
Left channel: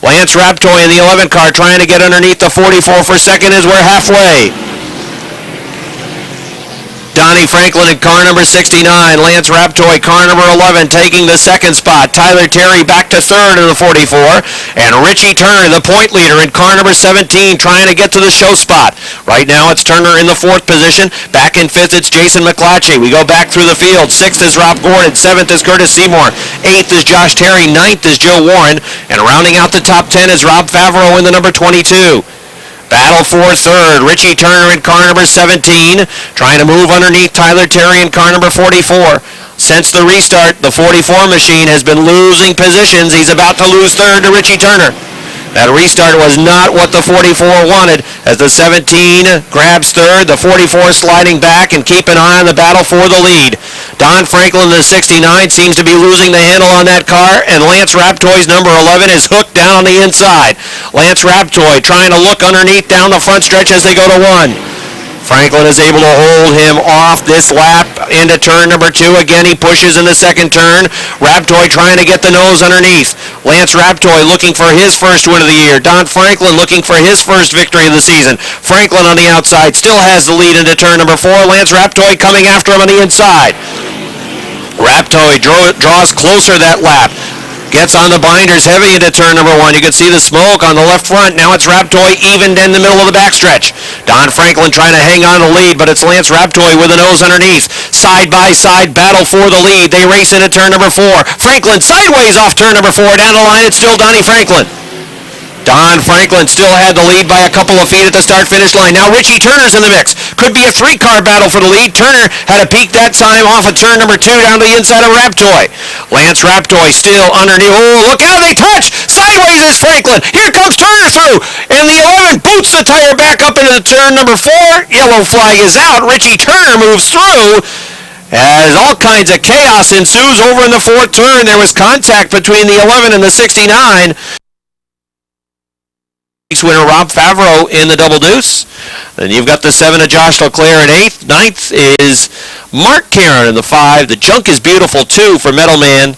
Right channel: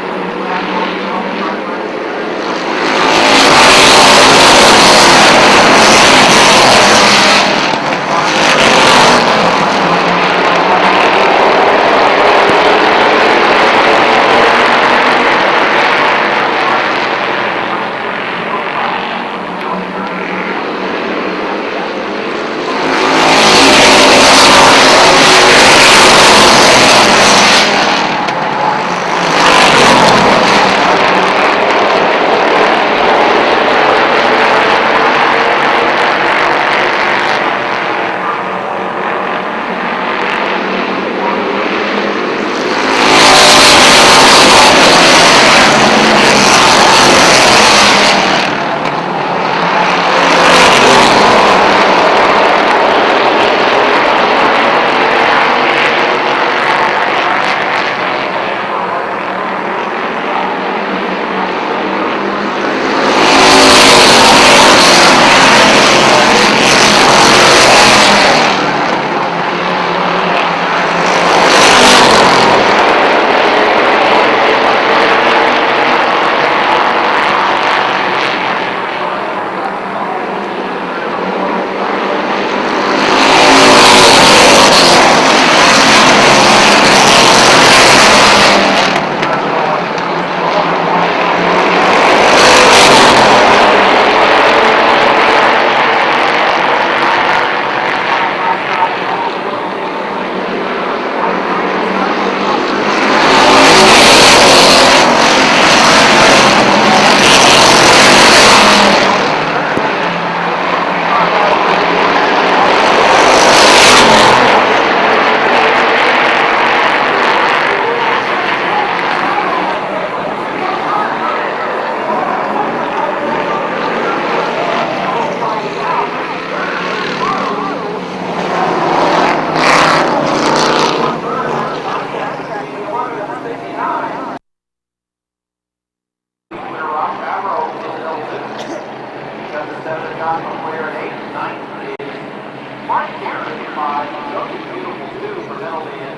Lance Raptoy in the 11 car trying to get underneath the 44 for second as we're halfway. Donnie Franklin in car number 69. Lance Raptoy, car number 11, taking the second spot. Tyler Terry back to third in the 44. And Richie Turner, the point leader in car number 17, trying to get to the show spot. Right now it's Turner in the fourth position. Back in fifth, it's Jason McClatchy. We go back through the field. Sixth is Rob Gordon. Seventh is Curtis Seymour. Eighth is Josh Terry. Ninth is Joe Warren. And rounding out the top 10 is Rob Favreau in the number 22. Battle for third. Richie Turner in car number 17, trying to move underneath Tyler Terry in car number 44. Since the restart, the 44 machine has been losing positions. He's about to lose third to Richie Turner. That restart was not what the 44 wanted, as the 17 grabs third, the 44 sliding back and keep an eye on the battle for the lead. Don Franklin in the 69 seems to be losing the handle on that car, and Lance Raptoy's number 11 is hooked down on the inside. Lance Raptoy trying to look underneath down the front stretch as they go to 1. Franklin is able to hold him off this lap into turn number 2. Again, he pushes in the second turn. Raptoy trying to get the nose underneath. Lance Raptoy looking for his first win of the year. Don Franklin looking for his first victory of the season. Franklin on the outside still has the lead into turn number 4. Lance Raptoy coming after him on the inside. Raptoy draws closer that lap. Gets on the binders heavy into turn number 1. You can see the smoke on the left front. Now it's Raptoy even in the middle of the backstretch. Don Franklin trying to hang on the lead, but it's Lance Raptoy with the nose underneath. Side by side battle for the lead. They race into turn number 4. Franklin sideways off turn number 4. Down the line, it's still Donnie Franklin. Don Franklin still had the lead by a couple of feet at the start-finish line. Now Richie Turner's in the mix. Could be a 3-car battle for the lead. Turner had a peek that time off of turn number 2 down to the inside of Raptoy. Lance Raptoy still underneath. Oh, look out, they touch! Sideways is Franklin. Here comes Turner through. And the 11 boots the tire back up into the turn number 4. Yellow flag is out. Richie Turner moves through. As all kinds of chaos ensues over in the fourth turn. There was contact between the 11 and the 69. Winner Rob Favreau in the double deuce. Then you've got the 7 of Josh Leclerc in 8th. 9th is Mark Caron in the 5. The Junk is Beautiful 2 for Metal Man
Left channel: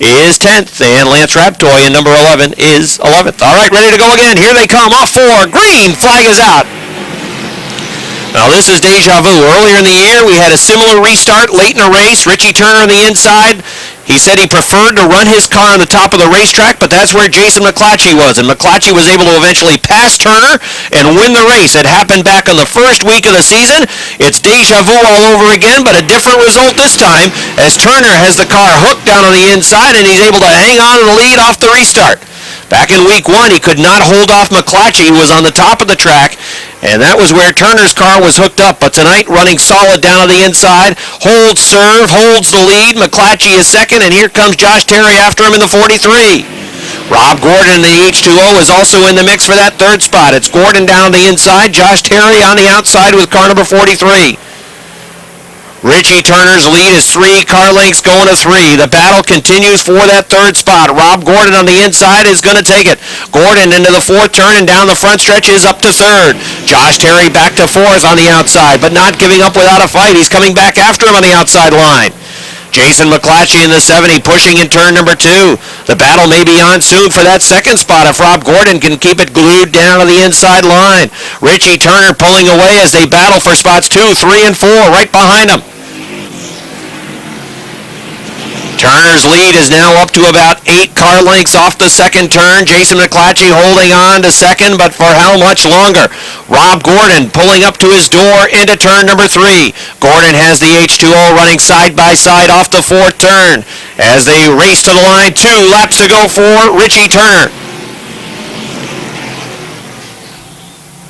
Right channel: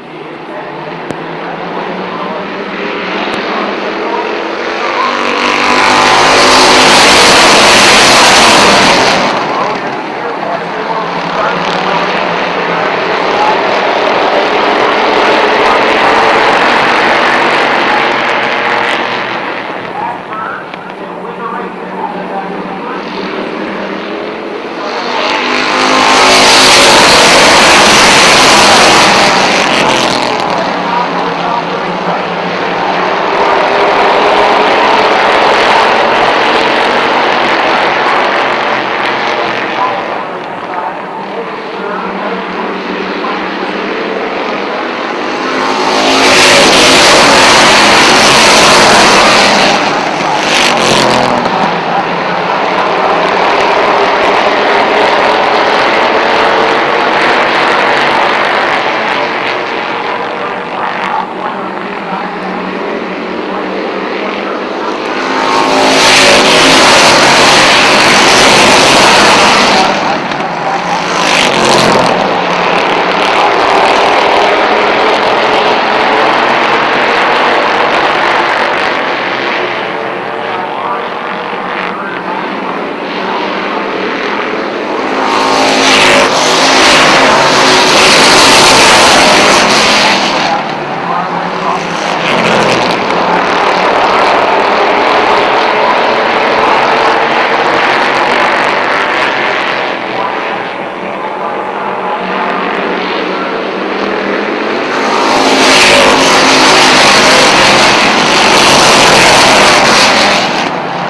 is 10th. And Lance Raptoy in number 11 is 11th. All right, ready to go again. Here they come off 4. Green flag is out. Now this is deja vu. Earlier in the year, we had a similar restart late in the race. Richie Turner on the inside. He said he preferred to run his car on the top of the racetrack, but that's where Jason McClatchy was. And McClatchy was able to eventually pass Turner and win the race. It happened back on the first week of the season. It's deja vu all over again, but a different result this time as Turner has the car hooked down on the inside and he's able to hang on to the lead off the restart. Back in week 1, he could not hold off McClatchy, who was on the top of the track. And that was where Turner's car was hooked up. But tonight, running solid down on the inside. Holds serve, holds the lead. McClatchy is second, and here comes Josh Terry after him in the 43. Rob Gordon in the H2O is also in the mix for that third spot. It's Gordon down the inside, Josh Terry on the outside with car number 43. Richie Turner's lead is 3 car lengths going to 3. The battle continues for that third spot. Rob Gordon on the inside is going to take it. Gordon into the fourth turn and down the front stretch is up to third. Josh Terry back to fourth on the outside, but not giving up without a fight. He's coming back after him on the outside line. Jason McClatchy in the 70 pushing in turn number 2. The battle may be on soon for that second spot if Rob Gordon can keep it glued down to the inside line. Richie Turner pulling away as they battle for spots 2, 3, and 4 right behind him. Turner's lead is now up to about 8 car lengths off the second turn. Jason McClatchy holding on to second, but for how much longer? Rob Gordon pulling up to his door into turn number 3. Gordon has the H2O running side by side off the fourth turn as they race to the line. 2 laps to go for Richie Turner.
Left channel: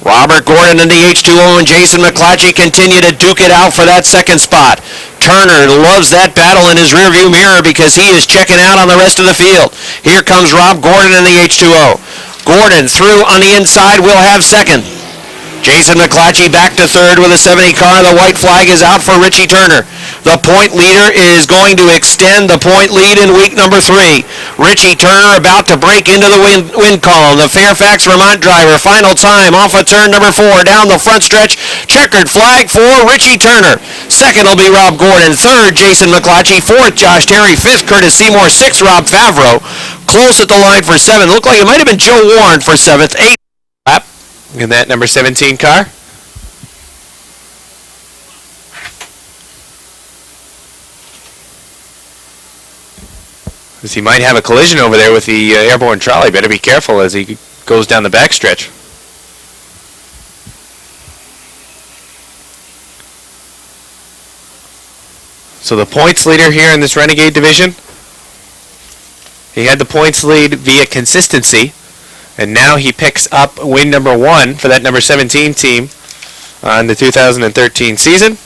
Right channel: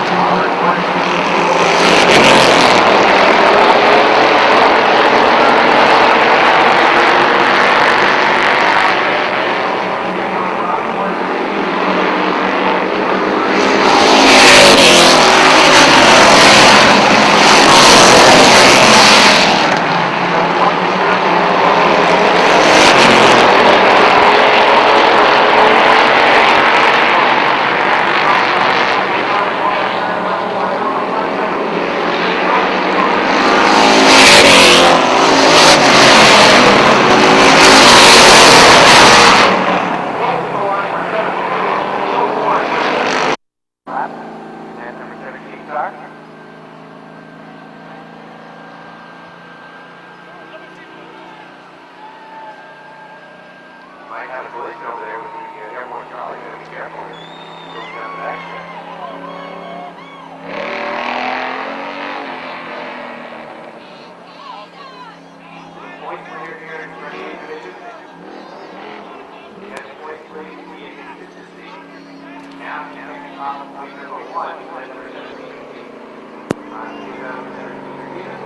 Robert Gordon in the H2O and Jason McClatchy continue to duke it out for that second spot. Turner loves that battle in his rearview mirror because he is checking out on the rest of the field. Here comes Rob Gordon in the H2O. Gordon through on the inside will have second. Jason McClatchy back to third with a 70 car. The white flag is out for Richie Turner. The point leader is going to extend the point lead in week number 3. Richie Turner about to break into the win column. The Fairfax Vermont driver, final time off of turn number 4 down the front stretch. Checkered flag for Richie Turner. Second will be Rob Gordon. Third, Jason McClatchy. Fourth, Josh Terry. Fifth, Curtis Seymour. Sixth, Rob Favreau. Close at the line for 7th. Looked like it might have been Joe Warren for 7th. 8th lap. In that number 17 car. As he might have a collision over there with the airborne trolley. Better be careful as he goes down the backstretch. So the points leader here in this Renegade division, he had the points lead via consistency, and now he picks up win number 1 for that number 17 team on the 2013 season.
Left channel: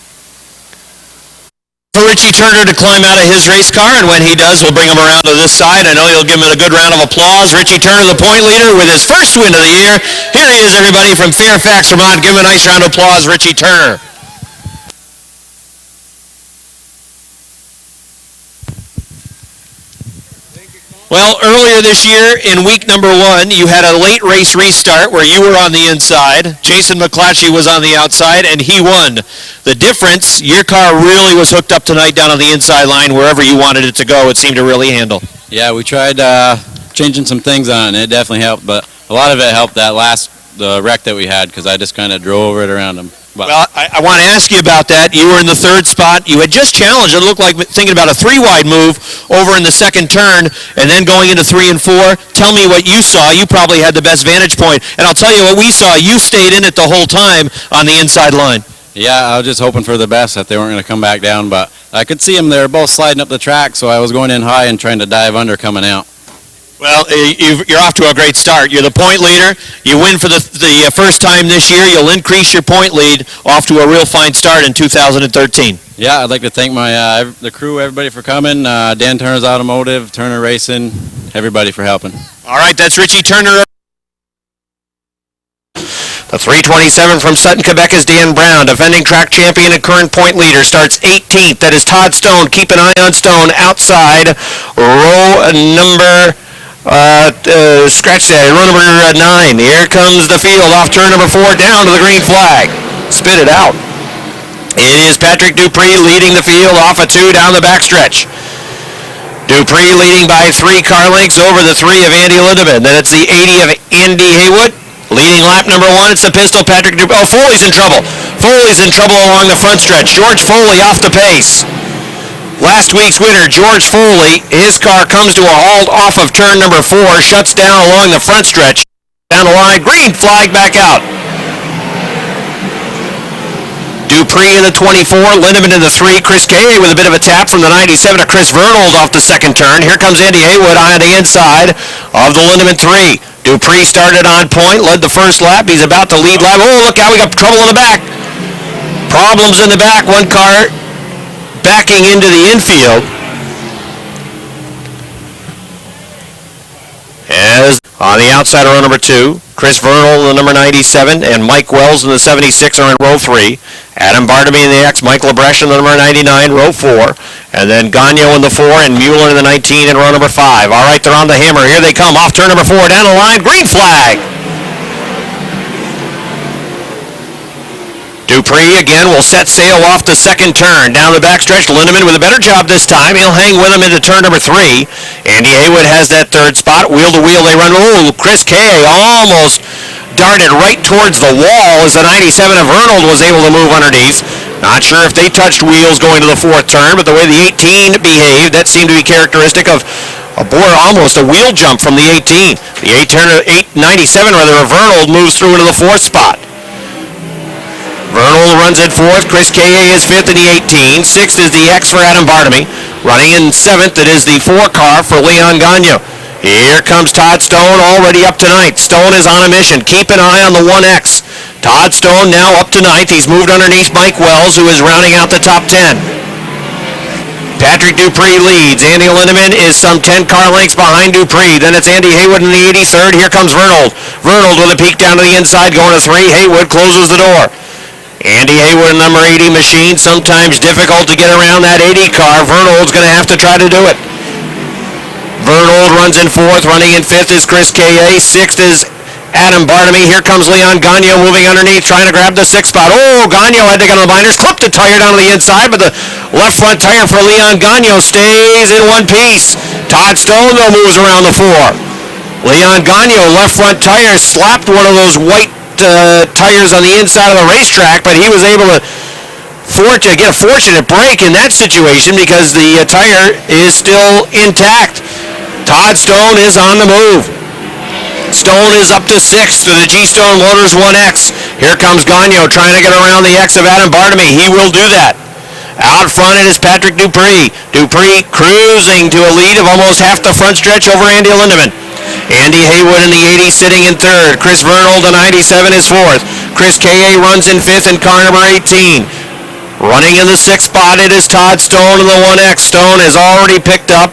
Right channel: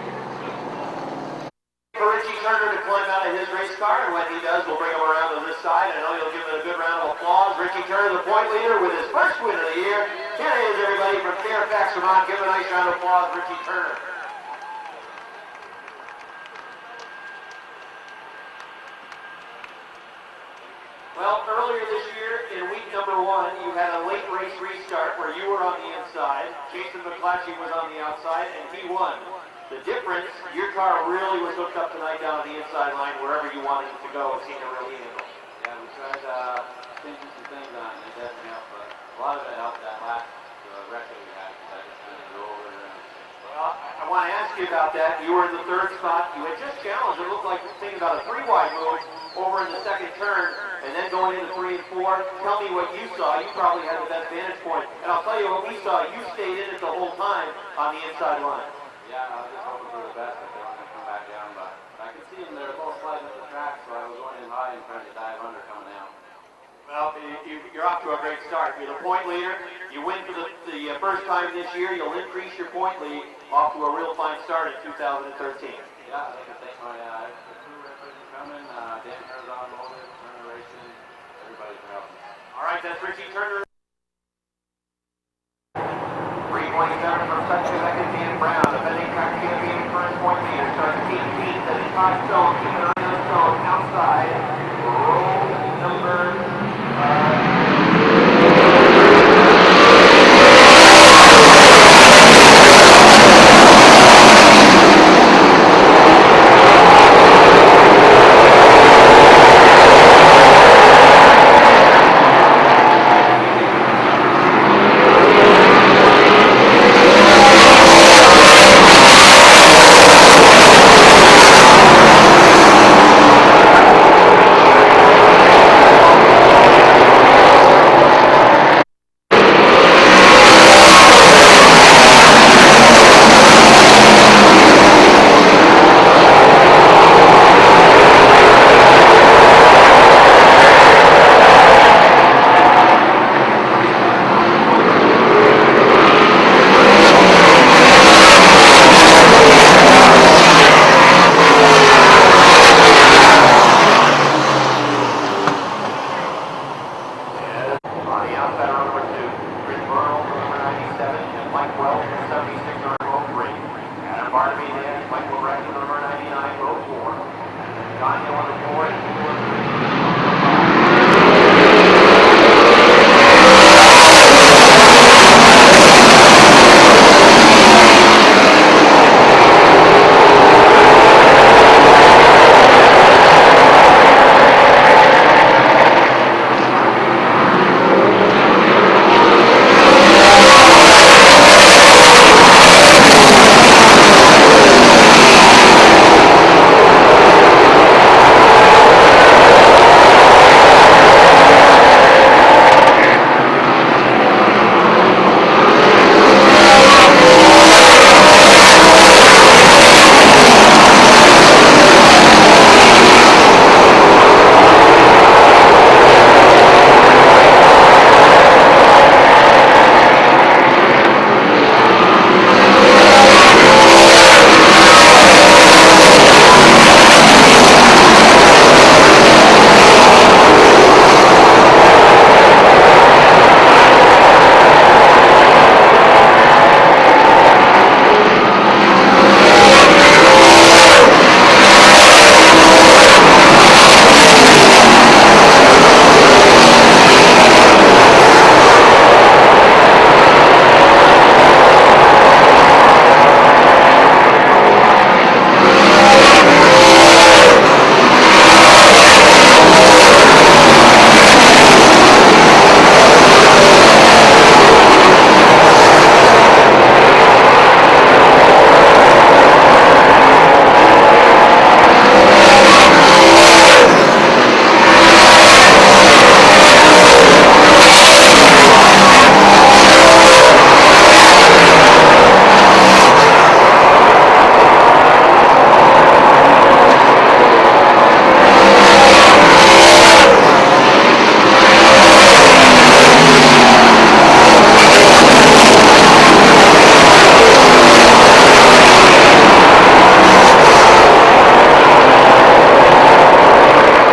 For Richie Turner to climb out of his race car, and when he does, we'll bring him around to this side. I know you'll give him a good round of applause. Richie Turner, the point leader, with his first win of the year. Here he is, everybody, from Fairfax, Vermont. Give him a nice round of applause, Richie Turner. Well, earlier this year in week number 1, you had a late race restart where you were on the inside. Jason McClatchy was on the outside, and he won. The difference, your car really was hooked up tonight down on the inside line wherever you wanted it to go. It seemed to really handle. Yeah, we tried changing some things on it, and it definitely helped, but a lot of it helped that last wreck that we had because I just kind of drove it around him. Well, I want to ask you about that. You were in the third spot. You had just challenged. It looked like thinking about a 3-wide move over in the second turn and then going into 3 and 4. Tell me what you saw. You probably had the best vantage point. And I'll tell you what we saw. You stayed in it the whole time on the inside line. Yeah, I was just hoping for the best that they weren't going to come back down, but I could see them. They were both sliding up the track, so I was going in high and trying to dive under coming out. Well, you're off to a great start. You're the point leader. You win for the first time this year. You'll increase your point lead off to a real fine start in 2013. Yeah, I'd like to thank my the crew, everybody for coming. Dan Turner's Automotive, Turner Racing, everybody for helping. All right, that's Richie Turner. The 327 from Sutton, Quebec is Dan Brown. Defending track champion and current point leader starts 18th. That is Todd Stone. Keep an eye on Stone outside row number... scratch that, row number 9. Here comes the field off turn number 4 down to the green flag. Spit it out. It is Patrick Dupree leading the field off a 2 down the backstretch. Dupree leading by 3 car lengths over the 3 of Andy Lindemann. Then it's the 80 of Andy Haywood. Leading lap number 1, it's the pistol Patrick Dupree. Oh, Foley's in trouble. Foley's in trouble along the front stretch. George Foley off the pace. Last week's winner, George Foley, his car comes to a halt off of turn number 4, shuts down along the front stretch. Down the line, green flag back out. Dupree in the 24, Lindemann in the 3, Chris Kay with a bit of a tap from the 97 to Chris Vernold off the second turn. Here comes Andy Haywood on the inside of the Lindemann 3. Dupree started on point, led the first lap. He's about to lead lap. Oh, look out, we got trouble in the back. Problems in the back, one car backing into the infield. As on the outside of row number 2, Chris Vernold in the number 97 and Mike Wells in the 76 are in row 3. Adam Barnaby in the X, Mike LeBrecht in the number 99, row 4. And then Gagno in the 4 and Mueller in the 19 in row number 5. All right, they're on the hammer. Here they come off turn number 4. Down the line, green flag. Dupree again will set sail off the second turn. Down the backstretch, Lindemann with a better job this time. He'll hang with him into turn number 3. Andy Haywood has that third spot. Wheel to wheel, they run. Oh, Chris Kay almost darted right towards the wall as the 97 of Arnold was able to move underneath. Not sure if they touched wheels going to the 4th turn, but the way the 18 behaved, that seemed to be characteristic of almost a wheel jump from the 18. The 97 of Arnold moves through into the 4th spot. Arnold runs in 4th. Chris K.A. is 5th in the 18. 6th is the X for Adam Barnaby. Running in 7th, it is the 4 car for Leon Gagno. Here comes Todd Stone already up to 9th. Stone is on a mission. Keep an eye on the 1X. Todd Stone now up to 9th. He's moved underneath Mike Wells, who is rounding out the top 10. Patrick Dupree leads. Andy Lindemann is some 10 car lengths behind Dupree. Then it's Andy Haywood in the 83rd. Here comes Vernold. Vernold with a peek down to the inside, going to 3. Haywood closes the door. Andy Haywood, number 80 machine, sometimes difficult to get around that 80 car. Vernold's going to have to try to do it. Vernold runs in 4th, running in 5th is Chris K.A. 6th is Adam Barnaby. Here comes Leon Gagno moving underneath, trying to grab the 6th spot. Oh, Gagno had to get on the binders, clipped the tire down to the inside, but the left front tire for Leon Gagno stays in one piece. Todd Stone, though, moves around the 4. Leon Gagno, left front tire, slapped one of those white tires on the inside of the racetrack, but he was able to get a fortunate break in that situation because the tire is still intact. Todd Stone is on the move. Stone is up to 6th to the G-Stone Motors 1X. Here comes Gagno trying to get around the X of Adam Barnaby. He will do that. Out front it is Patrick Dupree. Dupree cruising to a lead of almost half the front stretch over Andy Lindemann. Andy Haywood in the 80 sitting in 3rd. Chris Vernold, the 97, is 4th. Chris K.A. runs in 5th in car number 18. Running in the 6th spot, it is Todd Stone in the 1X. Stone has already picked up.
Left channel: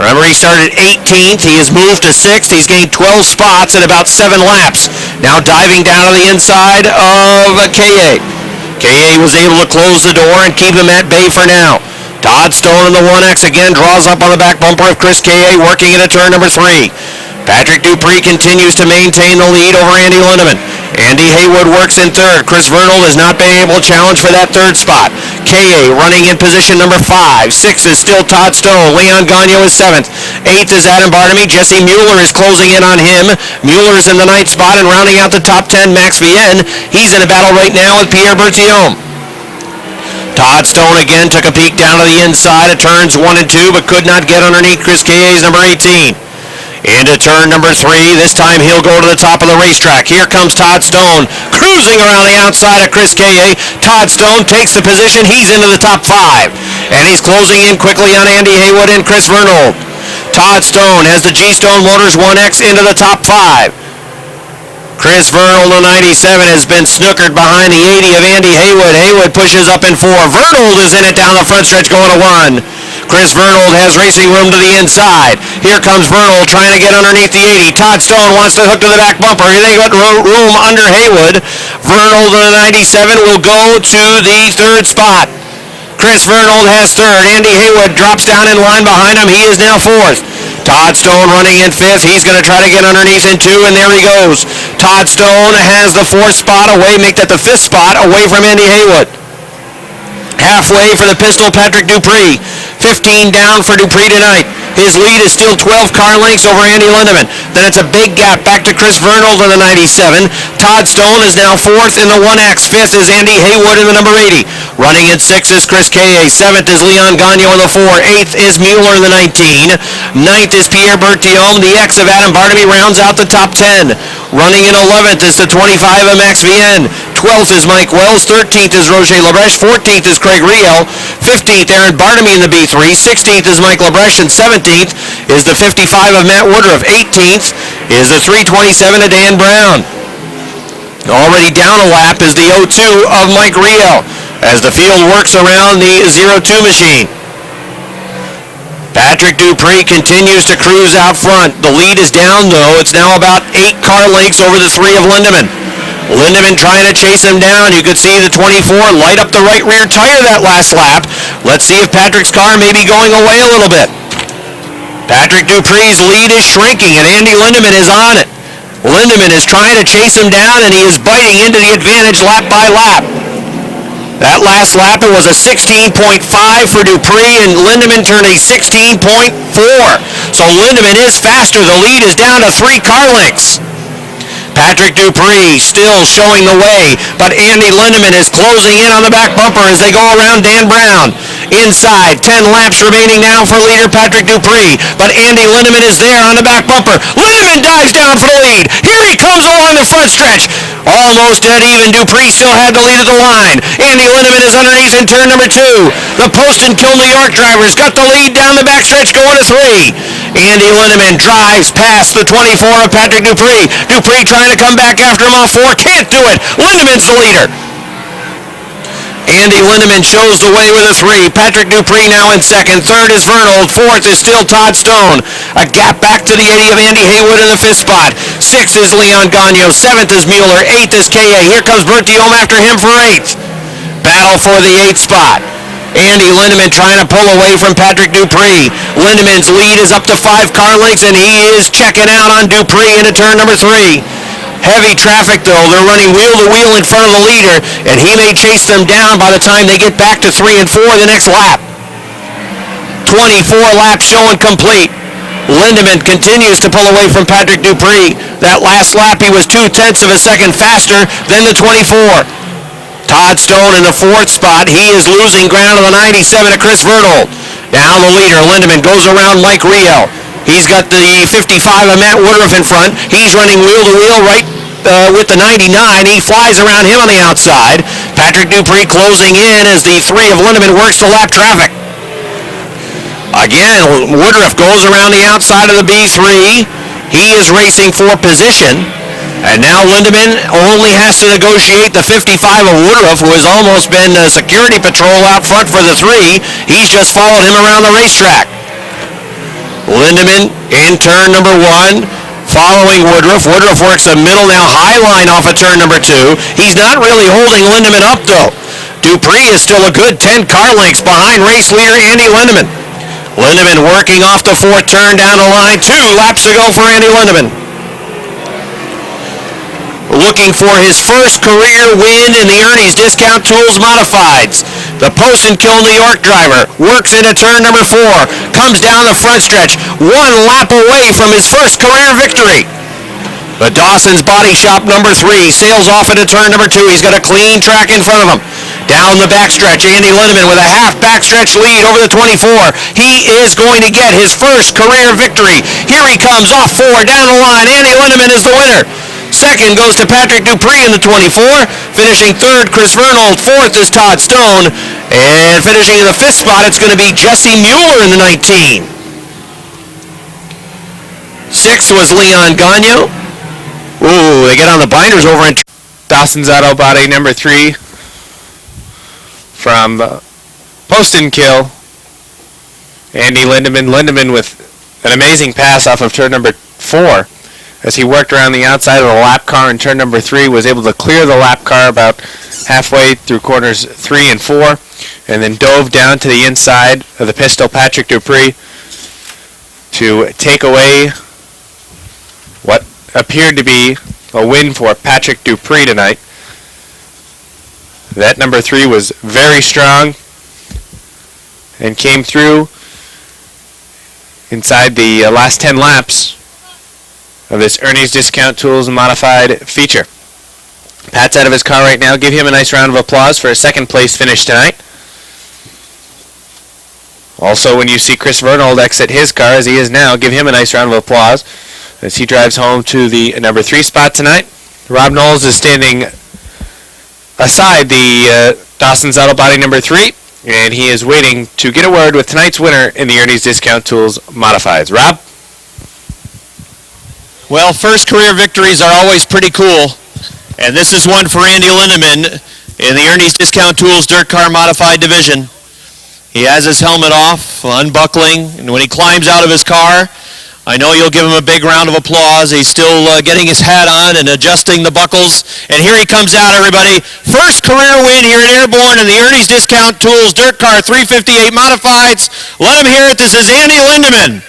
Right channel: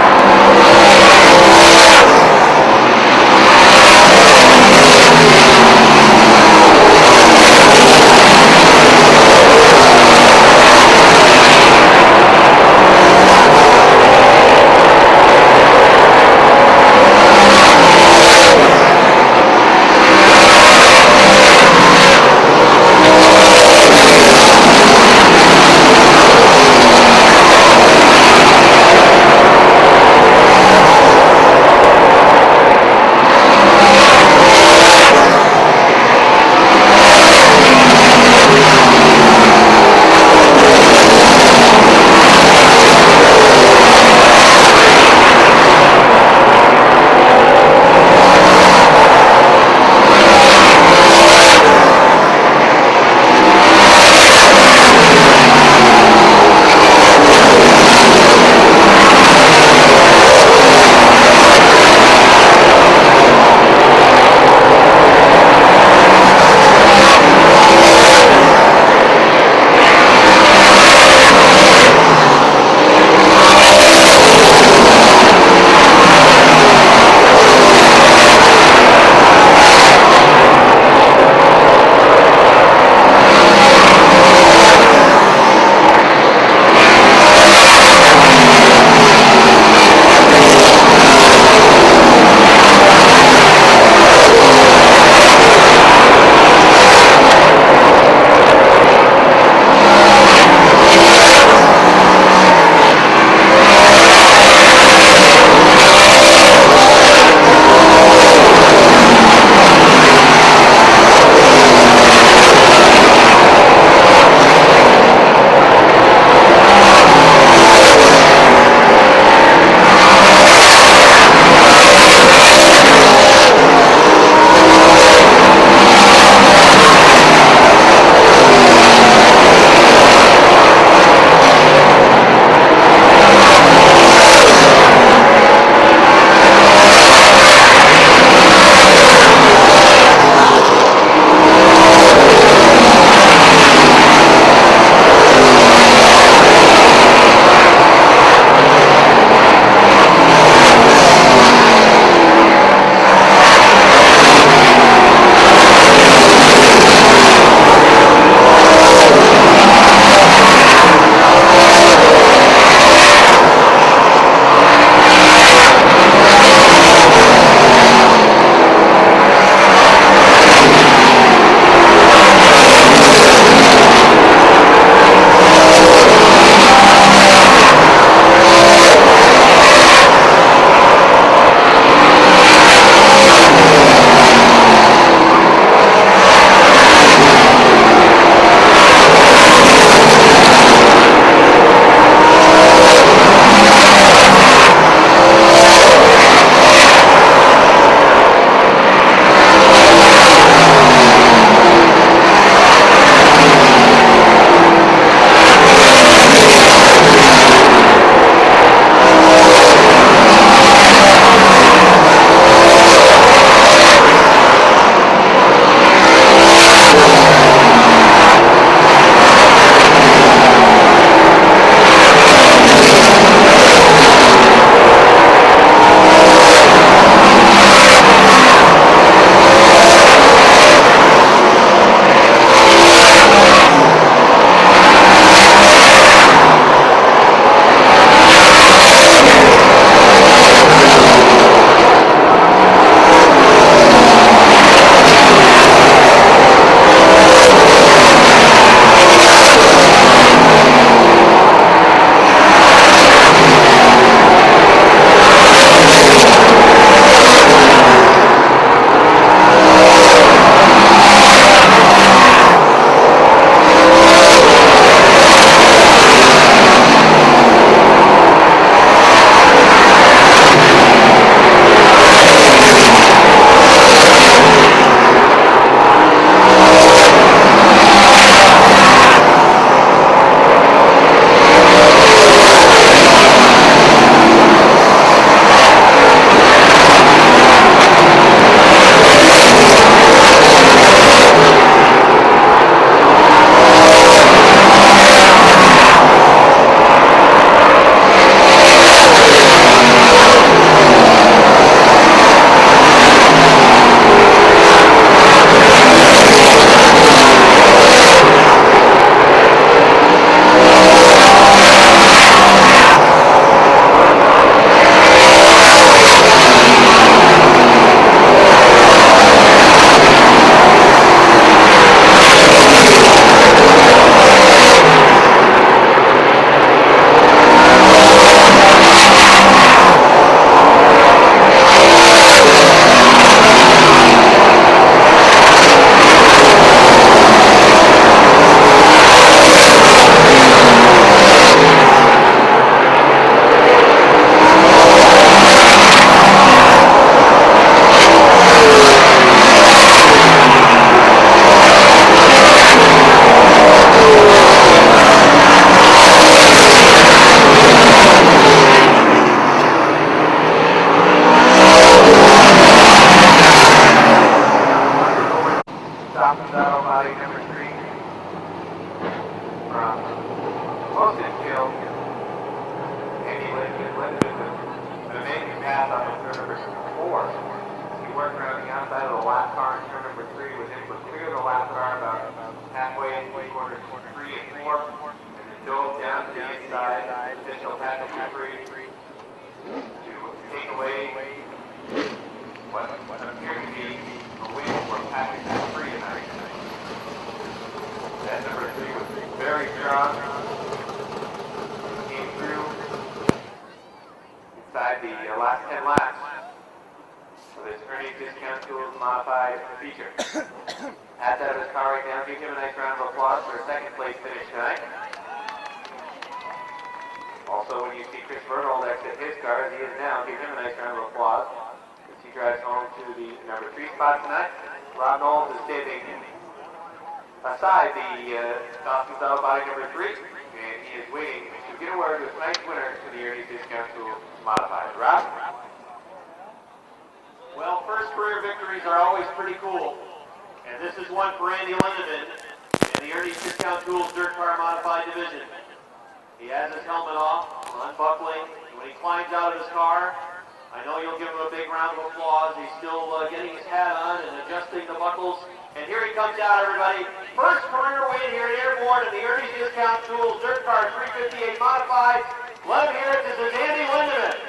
Remember, he started 18th. He has moved to 6th. He's gained 12 spots in about 7 laps. Now diving down on the inside of K.A. K.A. was able to close the door and keep him at bay for now. Todd Stone in the 1X again draws up on the back bumper of Chris K.A. working into turn number 3. Patrick Dupree continues to maintain the lead over Andy Lindemann. Andy Haywood works in 3rd. Chris Vernold has not been able to challenge for that 3rd spot. K.A. running in position number 5. 6th is still Todd Stone. Leon Gagno is 7th. 8th is Adam Barnaby. Jesse Mueller is closing in on him. Mueller is in the 9th spot and rounding out the top 10, Max Vienne. He's in a battle right now with Pierre Bertillon. Todd Stone again took a peek down to the inside of turns 1 and 2, but could not get underneath Chris K.A.'s number 18. Into turn number 3. This time he'll go to the top of the racetrack. Here comes Todd Stone cruising around the outside of Chris K.A. Todd Stone takes the position. He's into the top 5. And he's closing in quickly on Andy Haywood and Chris Vernold. Todd Stone has the G-Stone Motors 1X into the top 5. Chris Vernold, the 97, has been snookered behind the 80 of Andy Haywood. Haywood pushes up in 4. Vernold is in it down the front stretch going to 1. Chris Vernold has racing room to the inside. Here comes Vernold trying to get underneath the 80. Todd Stone wants to hook to the back bumper. They got room under Haywood. Vernold in the 97 will go to the 3rd spot. Chris Vernold has 3rd. Andy Haywood drops down in line behind him. He is now 4th. Todd Stone running in 5th. He's going to try to get underneath in 2, and there he goes. Todd Stone has the 4th spot away, make that the 5th spot away from Andy Haywood. Halfway for the pistol, Patrick Dupree. 15 down for Dupree tonight. His lead is still 12 car lengths over Andy Lindemann. And it's a big gap back to Chris Vernold in the 97. Todd Stone is now 4th in the 1X. 5th is Andy Haywood in the number 80. Running at 6 is Chris K.A. 7th is Leon Gagno in the 4. 8th is Mueller in the 19. 9th is Pierre Bertillon. The X of Adam Barnaby rounds out the top 10. Running in 11th is the 25 of Max Vienne. 12th is Mike Wells. 13th is Roger Lebrecht. 14th is Craig Rio. 15th, Aaron Barnaby in the B3. 16th is Mike Lebrecht. And 17th is the 55 of Matt Woodruff. 18th is the 327 of Dan Brown. Already down a lap is the 02 of Mike Rio as the field works around the 02 machine. Patrick Dupree continues to cruise out front. The lead is down, though. It's now about 8 car lengths over the 3 of Lindemann. Lindemann trying to chase him down. You could see the 24 light up the right rear tire that last lap. Let's see if Patrick's car may be going away a little bit. Patrick Dupree's lead is shrinking, and Andy Lindemann is on it. Lindemann is trying to chase him down, and he is biting into the advantage lap by lap. That last lap, it was a 16.5 for Dupree, and Lindemann turned a 16.4. So Lindemann is faster. The lead is down to 3 car lengths. Patrick Dupree still showing the way, but Andy Lindemann is closing in on the back bumper as they go around Dan Brown. Inside, 10 laps remaining now for leader Patrick Dupree, but Andy Lindemann is there on the back bumper. Lindemann dives down for the lead. Here he comes along the front stretch. Almost dead even. Dupree still had the lead at the line. Andy Lindemann is underneath in turn number 2. The Post and Kill New York drivers got the lead down the backstretch going to 3. Andy Lindemann drives past the 24 of Patrick Dupree. Dupree trying to come back after him off 4. Can't do it. Lindemann's the leader. Andy Lindemann shows the way with a 3. Patrick Dupree now in second. Third is Bruno. Fourth is still Todd Stone. A gap back to the 80 of Andy Haywood in the 5th spot. 6th is Leon Gagnon. 7th is Mueller. 8th is K.A. Here comes Bert Diome after him for 8th. Battle for the 8th spot. Andy Lindemann trying to pull away from Patrick Dupree. Lindemann's lead is up to 5 car lengths, and he is checking out on Dupree into turn number 3. Heavy traffic, though. They're running wheel to wheel in front of the leader, and he may chase them down by the time they get back to 3 and 4 the next lap. 24 laps showing complete. Lindemann continues to pull away from Patrick Dupree. That last lap, he was 0.2 of a second faster than the 24. Todd Stone in the 4th spot. He is losing ground on the 97 of Chris Vernal. Now the leader, Lindemann, goes around Mike Riel. He's got the 55 of Matt Woodruff in front. He's running wheel to wheel right with the 99. He flies around him on the outside. Patrick Dupree closing in as the 3 of Lindemann works to lap traffic. Again, Woodruff goes around the outside of the B3. He is racing for position. And now Lindemann only has to negotiate the 55 of Woodruff, who has almost been a security patrol out front for the 3. He's just followed him around the racetrack. Lindemann in turn number 1, following Woodruff. Woodruff works the middle now, high line off of turn number 2. He's not really holding Lindemann up, though. Dupree is still a good 10 car lengths behind race leader Andy Lindemann. Lindemann working off the 4th turn down the line. 2 laps to go for Andy Lindemann. Looking for his first career win in the Ernie's Discount Tools Modifieds. The Post and Kill New York driver works into turn number 4. Comes down the front stretch. 1 lap away from his first career victory. The Dawson's Body Shop number 3 sails off into turn number 2. He's got a clean track in front of him. Down the backstretch, Andy Lindemann with a half backstretch lead over the 24. He is going to get his first career victory. Here he comes off 4 down the line. Andy Lindemann is the winner. Second goes to Patrick Dupree in the 24. Finishing 3rd, Chris Vernal. 4th is Todd Stone. And finishing in the 5th spot, it's going to be Jesse Mueller in the 19. 6th was Leon Gagnon. Ooh, they get on the binders over in Dawson's Auto Body number 3 from Post and Kill. Andy Lindemann. Lindemann with an amazing pass off of turn number 4. As he worked around the outside of the lap car in turn number 3, was able to clear the lap car about halfway through corners 3 and 4, and then dove down to the inside of the pistol Patrick Dupree to take away what appeared to be a win for Patrick Dupree tonight. That number 3 was very strong and came through inside the last 10 laps of this Ernie's Discount Tools Modified feature. Pat's out of his car right now. Give him a nice round of applause for a second place finish tonight. Also, when you see Chris Vernal exit his car as he is now, give him a nice round of applause as he drives home to the number 3 spot tonight. Rob Knowles is standing aside the Dawson's Auto Body number 3, and he is waiting to get a word with tonight's winner in the Ernie's Discount Tools Modifieds. Rob? Well, first career victories are always pretty cool, and this is one for Andy Lindemann in the Ernie's Discount Tools Dirt Car Modified division. He has his helmet off, unbuckling, and when he climbs out of his car, I know you'll give him a big round of applause. He's still getting his hat on and adjusting the buckles. And here he comes out, everybody. First career win here at Airborne in the Ernie's Discount Tools Dirt Car 358 Modifieds. Let him hear it. This is Andy Lindemann.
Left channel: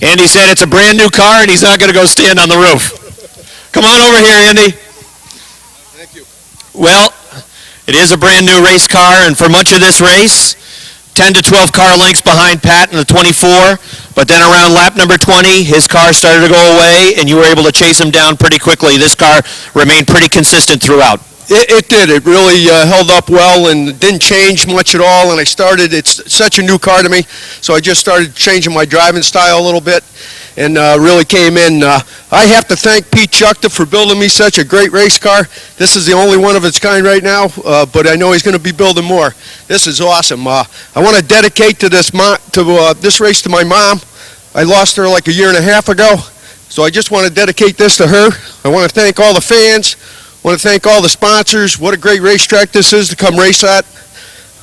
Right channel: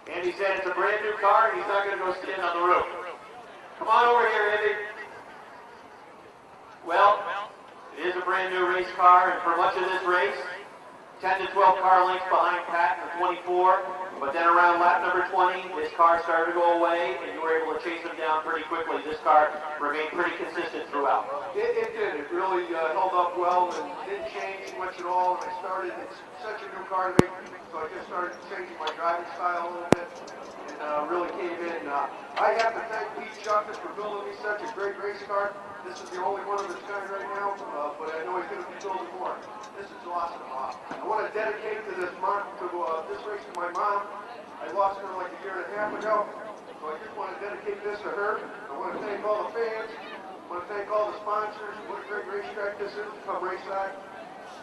Andy said it's a brand new car and he's not going to go stand on the roof. Come on over here, Andy. Thank you. Well, it is a brand new race car, and for much of this race, 10 to 12 car lengths behind Pat in the 24, but then around lap number 20, his car started to go away, and you were able to chase him down pretty quickly. This car remained pretty consistent throughout. It did. It really held up well and didn't change much at all. And it's such a new car to me, so I just started changing my driving style a little bit and really came in. I have to thank Pete Schuchter for building me such a great race car. This is the only one of its kind right now, but I know he's going to be building more. This is awesome. I want to dedicate to this race to my mom. I lost her like a year and a half ago, so I just want to dedicate this to her. I want to thank all the fans. I want to thank all the sponsors. What a great racetrack this is to come race at.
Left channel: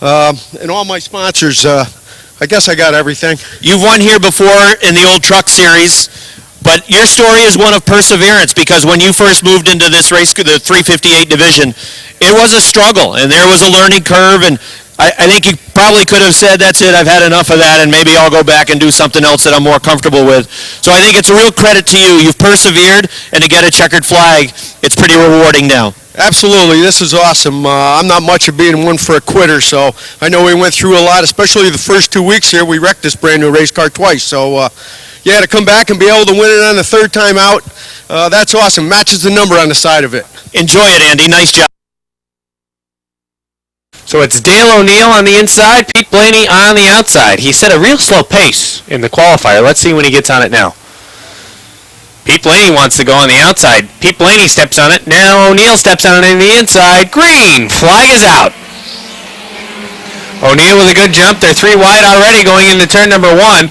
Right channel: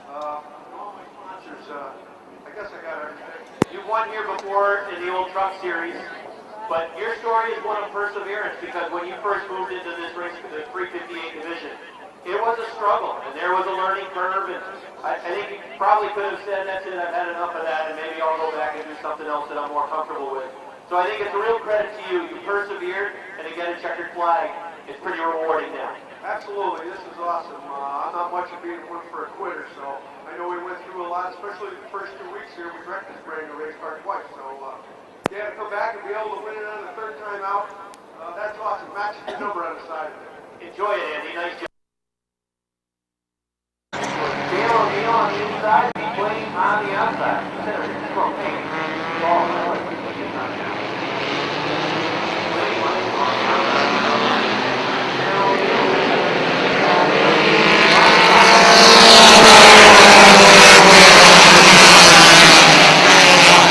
And all my sponsors. I guess I got everything. You've won here before in the old truck series, but your story is one of perseverance, because when you first moved into this race, the 358 division, it was a struggle, and there was a learning curve, and I think you probably could have said, that's it, I've had enough of that, and maybe I'll go back and do something else that I'm more comfortable with. So I think it's a real credit to you. You've persevered, and to get a checkered flag, it's pretty rewarding now. Absolutely. This is awesome. I'm not much of being one for a quitter, so I know we went through a lot, especially the first 2 weeks here. We wrecked this brand new race car twice, so yeah, to come back and be able to win it on the third time out, that's awesome. Matches the number on the side of it. Enjoy it, Andy. Nice job. So it's Dale O'Neill on the inside, Pete Blaney on the outside. He set a real slow pace in the qualifier. Let's see when he gets on it now. Pete Blaney wants to go on the outside. Pete Blaney steps on it. Now O'Neill steps on it in the inside. Green. Flag is out. O'Neill with a good jump. They're 3 wide already going into turn number 1.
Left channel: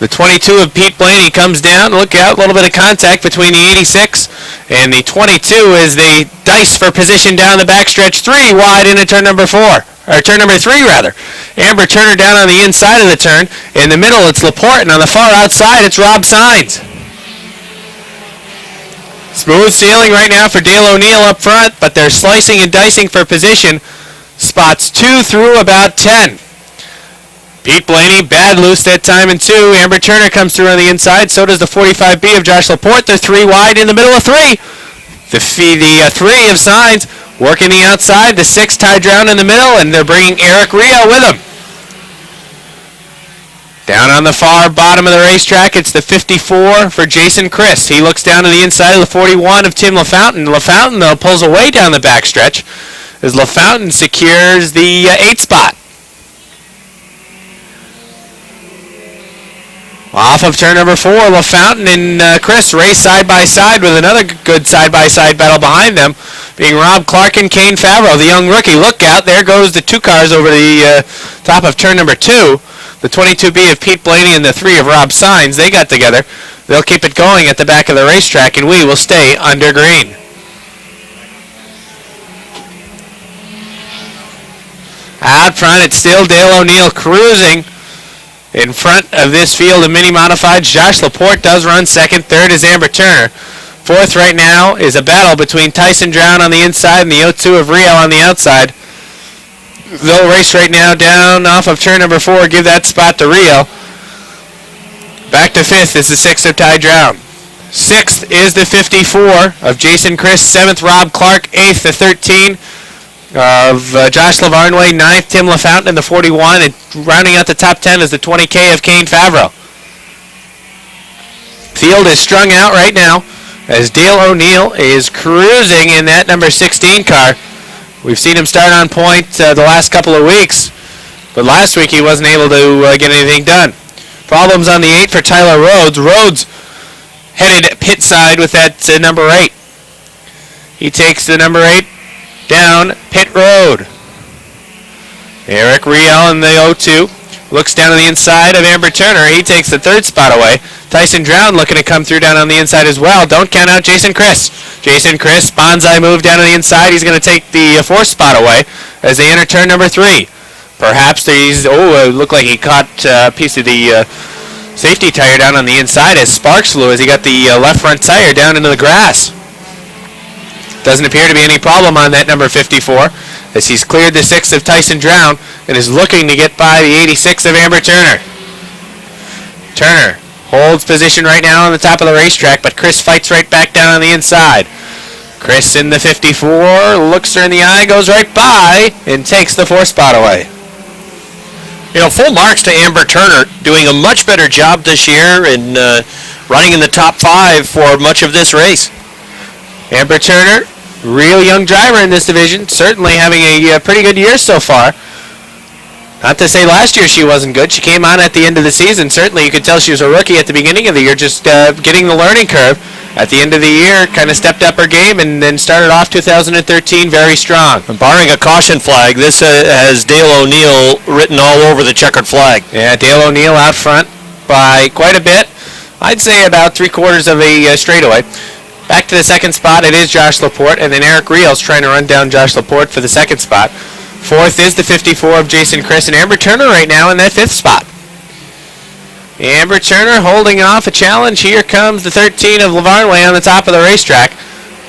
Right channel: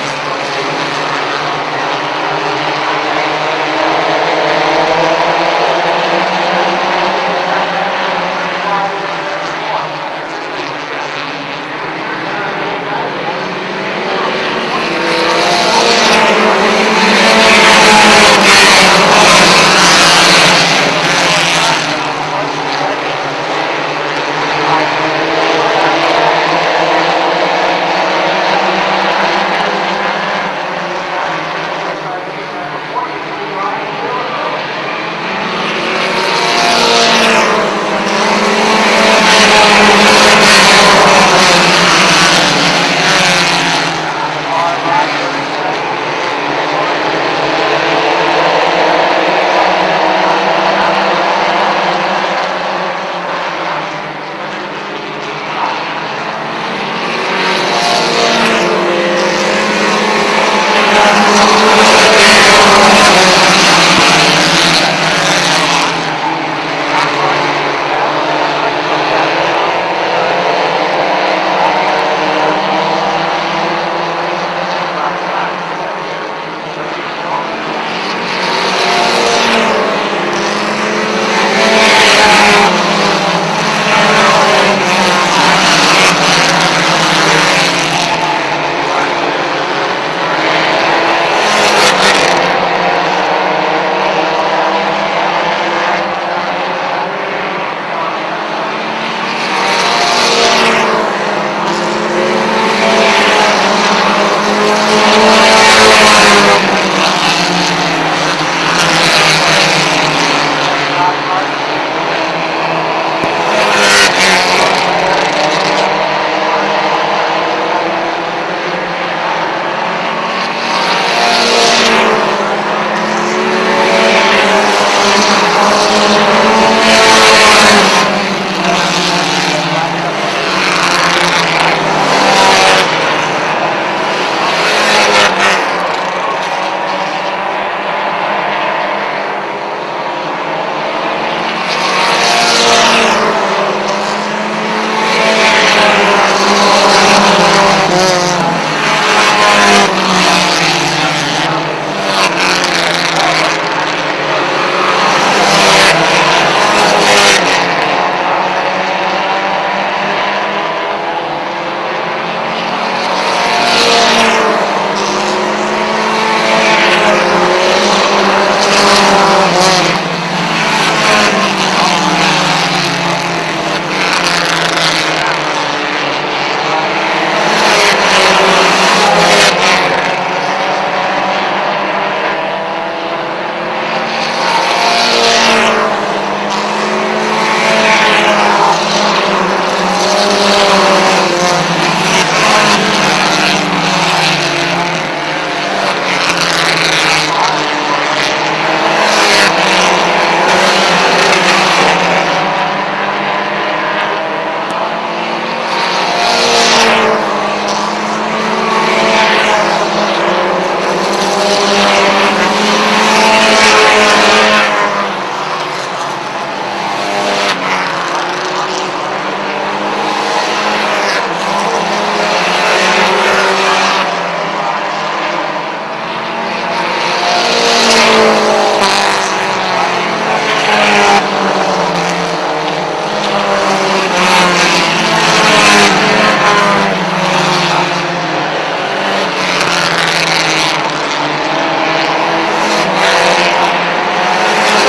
The 22 of Pete Blaney comes down. Look out. A little bit of contact between the 86 and the 22 as they dice for position down the backstretch. 3 wide into turn number 4. Or turn number 3, rather. Amber Turner down on the inside of the turn. In the middle, it's Laporte, and on the far outside, it's Rob Saenz. Smooth sailing right now for Dale O'Neill up front, but they're slicing and dicing for position. Spots 2 through about 10. Pete Blaney, bad loose that time in 2. Amber Turner comes through on the inside. So does the 45B of Josh Laporte. They're 3 wide in the middle of 3. The 3 of Saenz working the outside. The 6 tied down in the middle, and they're bringing Eric Rio with them. Down on the far bottom of the racetrack, it's the 54 for Jason Chris. He looks down to the inside of the 41 of Tim LaFountain. LaFountain, though, pulls away down the backstretch as LaFountain secures the 8 spot. Off of turn number 4, LaFountain and Chris race side by side with another good side-by-side battle behind them, being Rob Clark and Kane Favreau, the young rookie. Look out, there goes the 2 cars over the top of turn number 2. The 22B of Pete Blaney and the 3 of Rob Saenz, they got together. They'll keep it going at the back of the racetrack, and we will stay under green. Out front, it's still Dale O'Neill cruising in front of this field of mini modifieds. Josh Laporte does run second. Third is Amber Turner. Fourth right now is a battle between Tyson Drown on the inside and the 02 of Rio on the outside. Low race right now down off of turn number 4. Give that spot to Rio. Back to 5th is the 6 of Ty Drown. 6th is the 54 of Jason Chris. 7th, Rob Clark. 8th, the 13 of Josh Lavarnway. 9th, Tim LaFountain, and the 41. And rounding out the top 10 is the 20K of Kane Favreau. Field is strung out right now as Dale O'Neill is cruising in that number 16 car. We've seen him start on point the last couple of weeks, but last week he wasn't able to get anything done. Problems on the 8 for Tyler Rhodes. Rhodes headed pit side with that number 8. He takes the number 8 down pit road. Eric Riel in the 02 looks down to the inside of Amber Turner. He takes the 3rd spot away. Tyson Drown looking to come through down on the inside as well. Don't count out Jason Chris. Jason Chris, bonsai move down to the inside. He's going to take the fourth spot away as they enter turn number 3. Perhaps it looked like he caught a piece of the safety tire down on the inside as sparks flew as he got the left front tire down into the grass. Doesn't appear to be any problem on that number 54 as he's cleared the 6th of Tyson Drown and is looking to get by the 86 of Amber Turner. Turner holds position right now on the top of the racetrack, but Chris fights right back down on the inside. Chris in the 54, looks her in the eye, goes right by, and takes the 4th spot away. Full marks to Amber Turner, doing a much better job this year and running in the top 5 for much of this race. Amber Turner, real young driver in this division, certainly having a pretty good year so far. Not to say last year she wasn't good. She came on at the end of the season. Certainly you could tell she was a rookie at the beginning of the year, just getting the learning curve. At the end of the year, kind of stepped up her game and then started off 2013 very strong. Barring a caution flag, this has Dale O'Neill written all over the checkered flag. Yeah, Dale O'Neill out front by quite a bit. I'd say about 3/4 of the straightaway. Back to the 2nd spot, it is Josh Laporte, and then Eric Rios trying to run down Josh Laporte for the 2nd spot. 4th is the 54 of Jason Chris, and Amber Turner right now in that 5th spot. Amber Turner holding off a challenge. Here comes the 13 of Lavarnway on the top of the racetrack.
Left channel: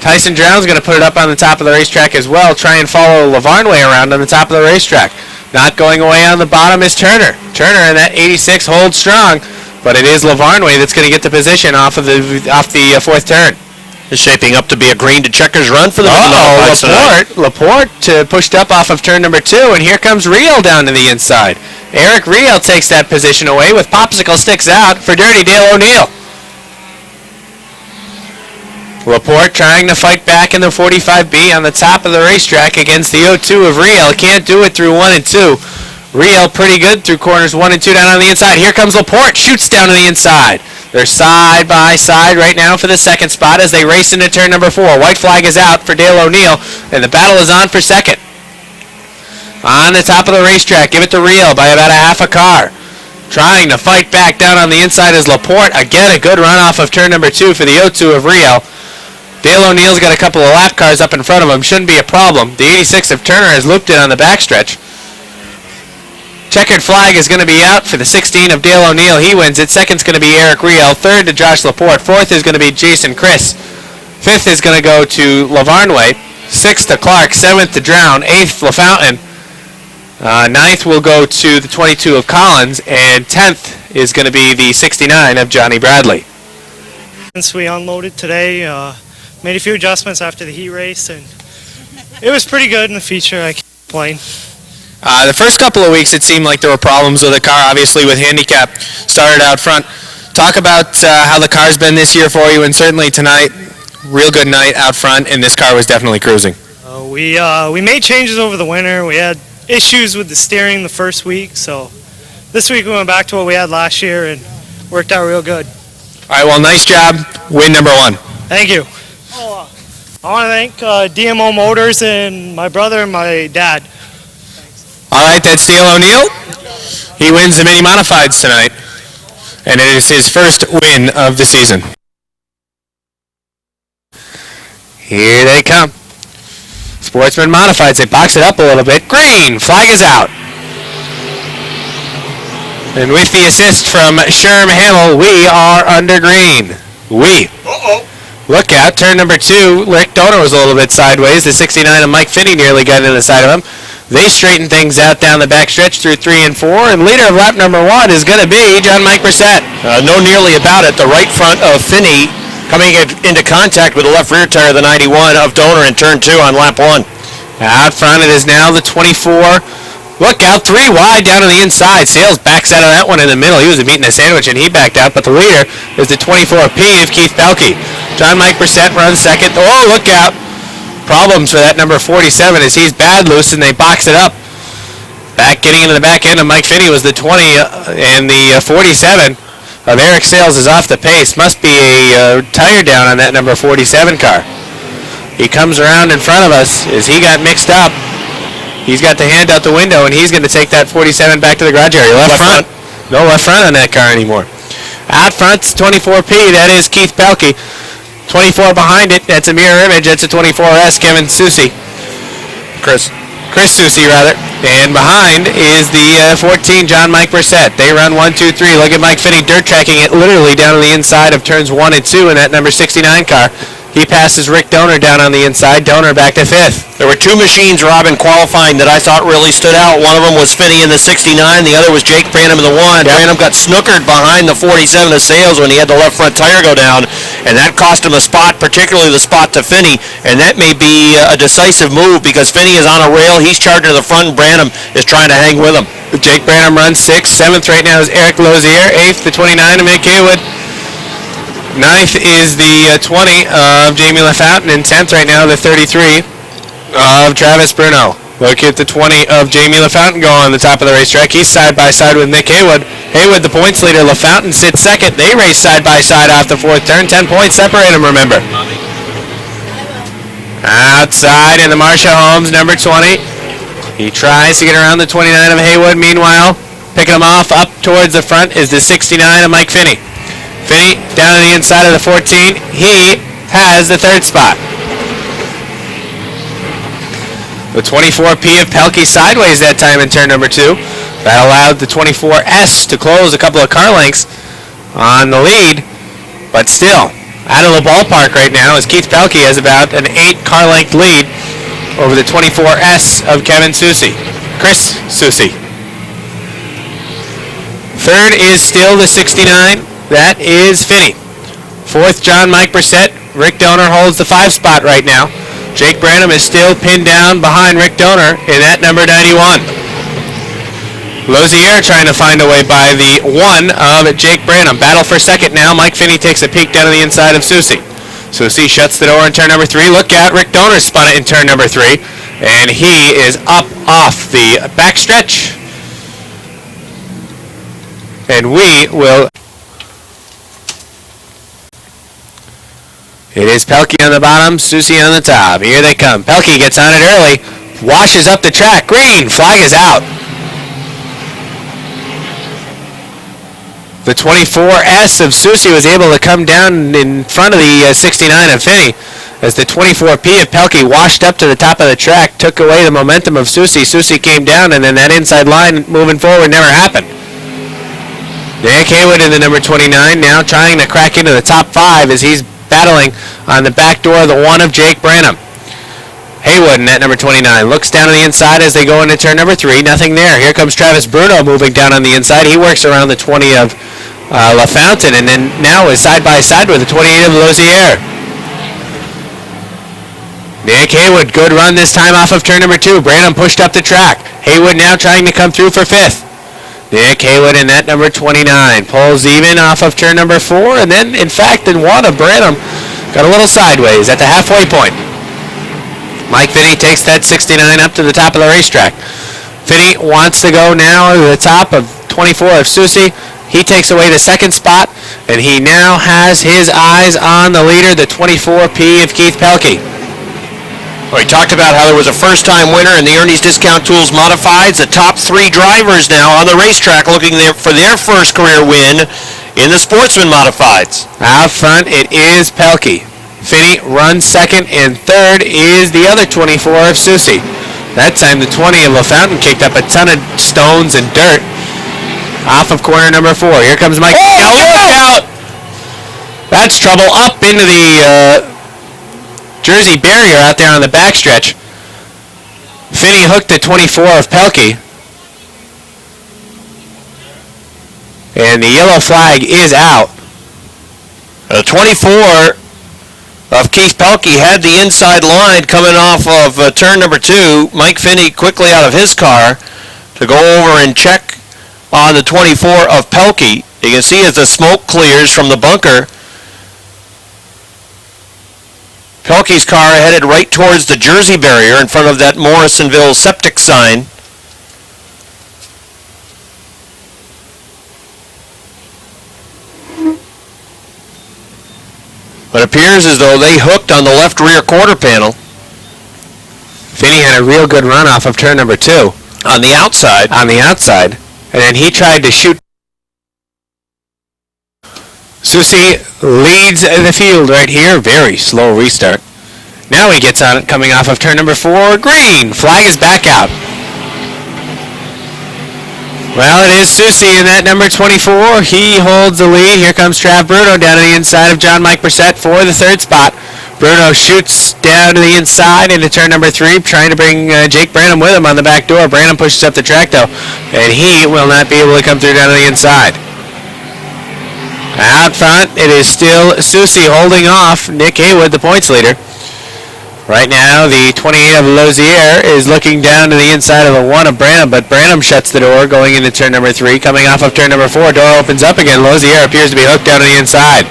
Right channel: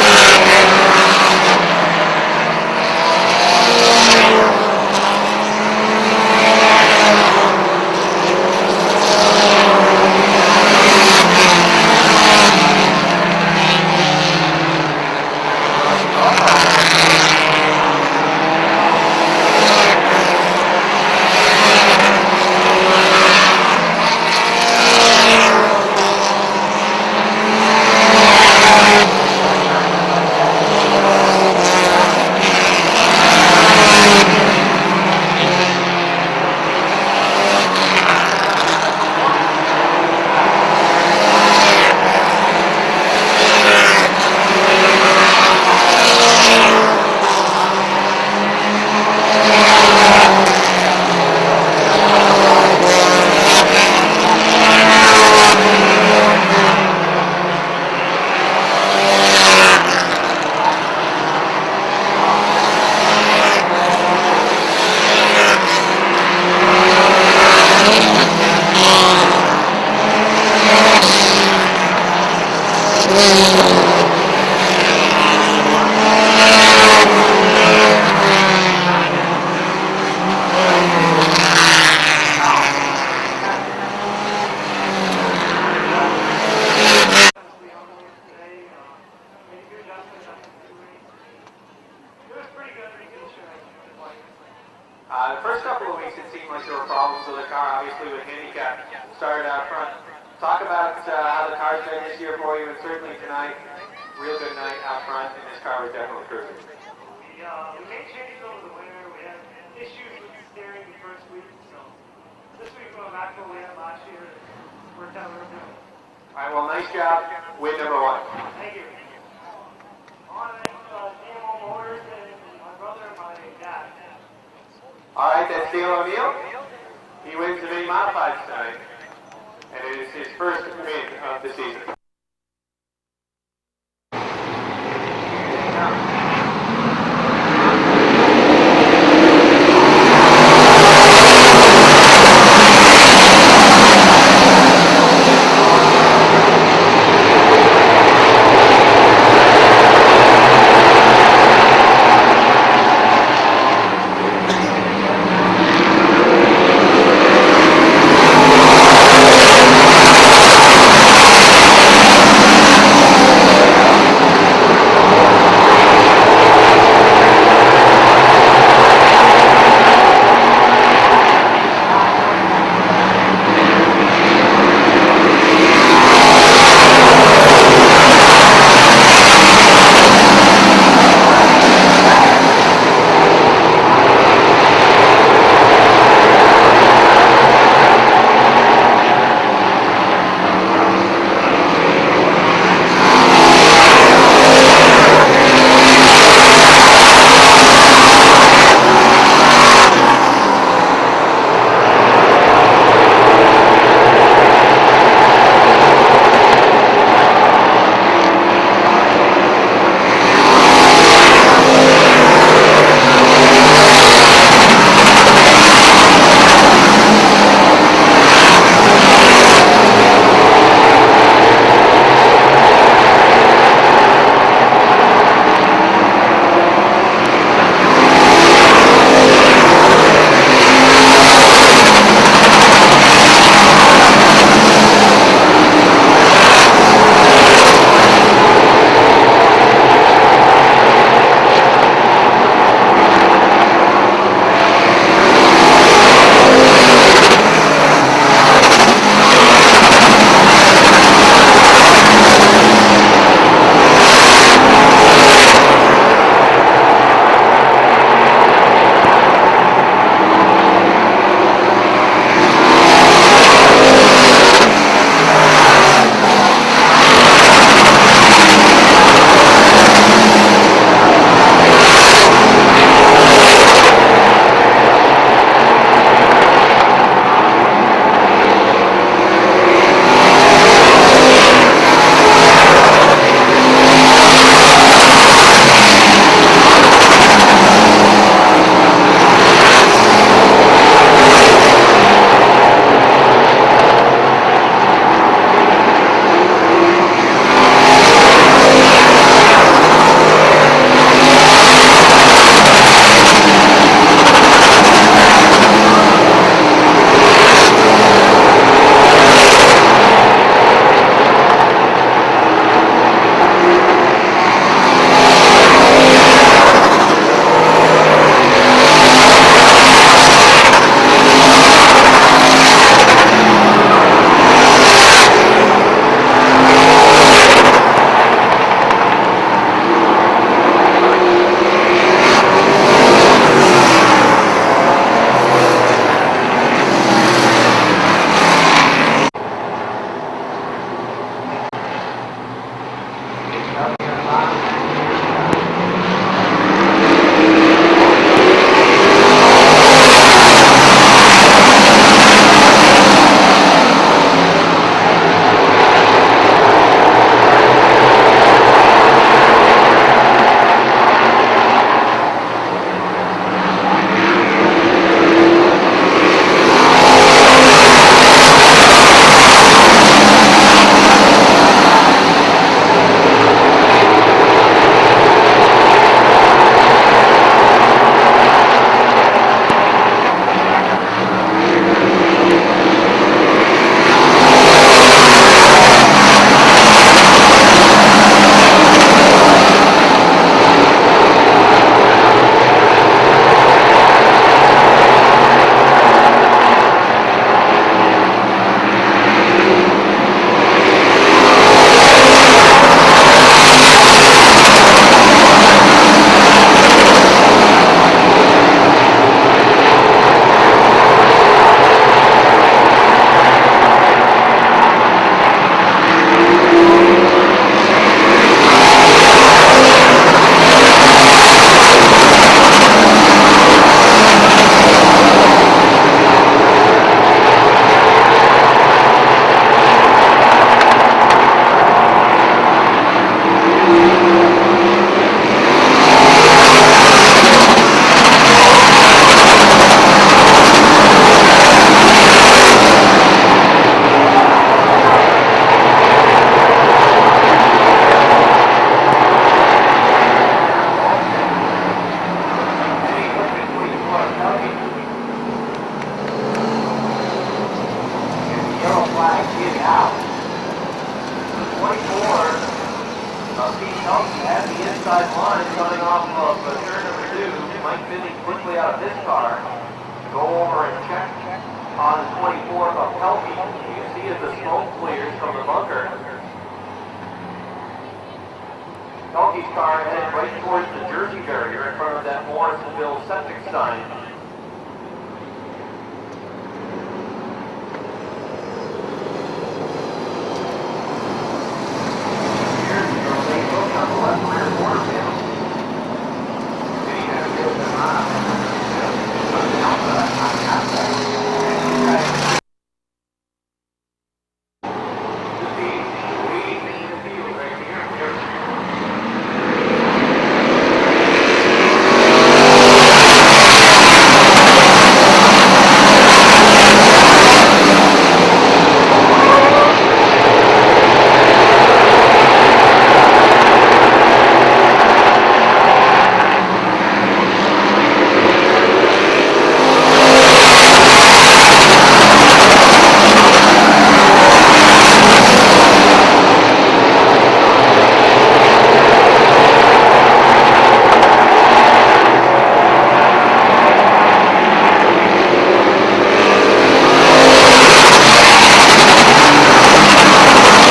Tyson Drown's going to put it up on the top of the racetrack as well, try and follow Lavarnway around on the top of the racetrack. Not going away on the bottom is Turner. Turner in that 86 holds strong, but it is Lavarnway that's going to get the position off the 4th turn. Is shaping up to be a green to checkers run for the Laporte pushed up off of turn number 2, and here comes Riel down to the inside. Eric Riel takes that position away with popsicle sticks out for Dirty Dale O'Neill. Laporte trying to fight back in the 45B on the top of the racetrack against the 02 of Riel. Can't do it through 1 and 2. Riel pretty good through corners 1 and 2 down on the inside. Here comes Laporte, shoots down to the inside. They're side by side right now for the 2nd spot as they race into turn number 4. White flag is out for Dale O'Neill, and the battle is on for 2nd. On the top of the racetrack, give it to Riel by about a half a car. Trying to fight back down on the inside is Laporte. Again, a good run off of turn number 2 for the 02 of Riel. Dale O'Neill's got a couple of lap cars up in front of him. Shouldn't be a problem. The 86 of Turner has looped it on the backstretch. Checkered flag is going to be out for the 16 of Dale O'Neill. He wins it. 2nd's going to be Eric Riel. 3rd to Josh Laporte. 4th is going to be Jason Chris. 5th is going to go to Lavarnway. 6th to Clark. 7th to Drown. 8th LaFountain. 9th will go to the 22 of Collins. And 10th is going to be the 69 of Johnny Bradley. Since we unloaded today, made a few adjustments after the heat race, and it was pretty good in the feature. I can't complain. The first couple of weeks, it seemed like there were problems with the car, obviously with handicap. Started out front. Talk about how the car's been this year for you, and certainly tonight, real good night out front, and this car was definitely cruising. We made changes over the winter. We had issues with the steering the first week, so this week we went back to what we had last year and worked out real good. All right, well, nice job. Win number 1. Thank you. I want to thank DMO Motors and my brother and my dad. All right, that's Dale O'Neill. He wins the mini modifieds tonight, and it is his first win of the season. Here they come. Sportsman modifieds. They box it up a little bit. Green. Flag is out. And with the assist from Sherm Hamill, we are under green. Look out. Turn number 2. Rick Donor was a little bit sideways. The 69 of Mike Finney nearly got into the side of him. They straighten things out down the backstretch through 3 and 4, and leader of lap number 1 is going to be John Mike Brissett. No nearly about it. The right front of Finney coming into contact with the left rear tire of the 91 of Donor in turn 2 on lap 1. Out front it is now the 24. Look out, 3 wide down to the inside. Sales backs out of that one in the middle. He was eating a sandwich and he backed out, but the leader is the 24P of Keith Belkey. John Mike Brissett runs second. Oh, look out. Problems for that number 47 as he's bad loose and they box it up. Getting into the back end of Mike Finney was the 20, and the 47 of Eric Sales is off the pace. Must be a tire down on that number 47 car. He comes around in front of us as he got mixed up. He's got the hand out the window and he's going to take that 47 back to the garage area. Left front. No left front on that car anymore. Out front's 24P, that is Keith Pelkey. 24 behind it. That's a mirror image. That's a 24S, Kevin Susie. Chris Susie, rather. And behind is the 14, John Mike Brissett. They run 1, 2, 3. Look at Mike Finney dirt tracking it literally down on the inside of turns 1 and 2 in that number 69 car. He passes Rick Donor down on the inside. Donor back to 5th. There were two machines, Rob, in qualifying that I thought really stood out. One of them was Finney in the 69. The other was Jake Branham in the 1. Branham got snookered behind the 47 of Sales when he had the left front tire go down, and that cost him a spot, particularly the spot to Finney, and that may be a decisive move because Finney is on a rail. He's charging to the front, and Branham is trying to hang with him. Jake Branham runs 6th. 7th right now is Eric Lozier. 8th, the 29 of Mick Haywood. 9th is the 20 of Jamie LaFountain, and 10th right now the 33 of Travis Bruno. Look at the 20 of Jamie LaFountain go on the top of the racetrack. He's side by side with Nick Haywood. Haywood the points leader. LaFountain sits 2nd. They race side by side off the 4th turn. 10 points separate them, remember. Outside in the Marsha Holmes, number 20. He tries to get around the 29 of Haywood. Meanwhile, picking him off up towards the front is the 69 of Mike Finney. Finney down on the inside of the 14. He has the 3rd spot. The 24P of Pelkey sideways that time in turn number 2. That allowed the 24S to close a couple of car lengths on the lead, but still out of the ballpark right now as Keith Pelkey has about an 8 car length lead over the 24S of Kevin Susie. Chris Susie. 3rd is still the 69. That is Finney. 4th, John Mike Brissett. Rick Donor holds the 5 spot right now. Jake Branham is still pinned down behind Rick Donor in that number 91. Lozier trying to find a way by the 1 of Jake Branham. Battle for 2nd now. Mike Finney takes a peek down on the inside of Susie. Susie shuts the door in turn number 3. Look out, Rick Donor spun it in turn number 3. And he is up off the backstretch. And we will... It is Pelkey on the bottom, Susie on the top. Here they come. Pelkey gets on it early, washes up the track. Green, flag is out. The 24S of Susie was able to come down in front of the 69 of Finney as the 24P of Pelkey washed up to the top of the track, took away the momentum of Susie. Susie came down, and then that inside line moving forward never happened. Rick Haywood in the number 29 now trying to crack into the top 5 as he's battling on the back door of the 1 of Jake Branham. Haywood in that number 29 looks down on the inside as they go into turn number 3. Nothing there. Here comes Travis Bruno moving down on the inside. He works around the 20 of LaFountain, and then now is side by side with the 28 of Lozier. Nick Haywood, good run this time off of turn number 2. Branham pushed up the track. Haywood now trying to come through for 5th. Nick Haywood in that number 29 pulls even off of turn number 4, and then in fact in 1 of Branham a little sideways at the halfway point. Mike Finney takes that 69 up to the top of the racetrack. Finney wants to go now to the top of 24 of Susie. He takes away the 2nd spot, and he now has his eyes on the leader, the 24P of Keith Pelkey. We talked about how there was a first-time winner in the Ernie's Discount Tools Modifieds. The top 3 drivers now on the racetrack looking for their first career win in the Sportsman Modifieds. Out front, it is Pelkey. Finney runs 2nd, and 3rd is the other 24 of Susie. That time, the 20 of LaFountain kicked up a ton of stones and dirt off of corner number 4. Here comes Mike. Oh, look out! That's trouble up into the Jersey barrier out there on the backstretch. Finney hooked the 24 of Pelkey. And the yellow flag is out. The 24 of Keith Pelkey had the inside line coming off of turn number 2. Mike Finney quickly out of his car to go over and check on the 24 of Pelkey. You can see as the smoke clears from the bunker, Pelkey's car headed right towards the Jersey barrier in front of that Morrisonville septic sign. It appears as though they hooked on the left rear quarter panel. Finney had a real good run off of turn number 2. On the outside. On the outside. And then he tried to shoot Susi leads the field right here. Very slow restart. Now he gets on it coming off of turn number 4. Green. Flag is back out. Well, it is Susi in that number 24. He holds the lead. Here comes Trav Bruno down to the inside of John Mike Brissett for the third spot. Bruno shoots down to the inside into turn number 3, trying to bring Jake Branham with him on the back door. Branham pushes up the track, though, and he will not be able to come through down to the inside. Out front, it is still Susi holding off Nick Haywood, the points leader. Right now, the 28 of Lozier is looking down to the inside of the 1 of Branham, but Branham shuts the door going into turn number 3. Coming off of turn number 4, door opens up again. Lozier appears to be hooked down to the inside.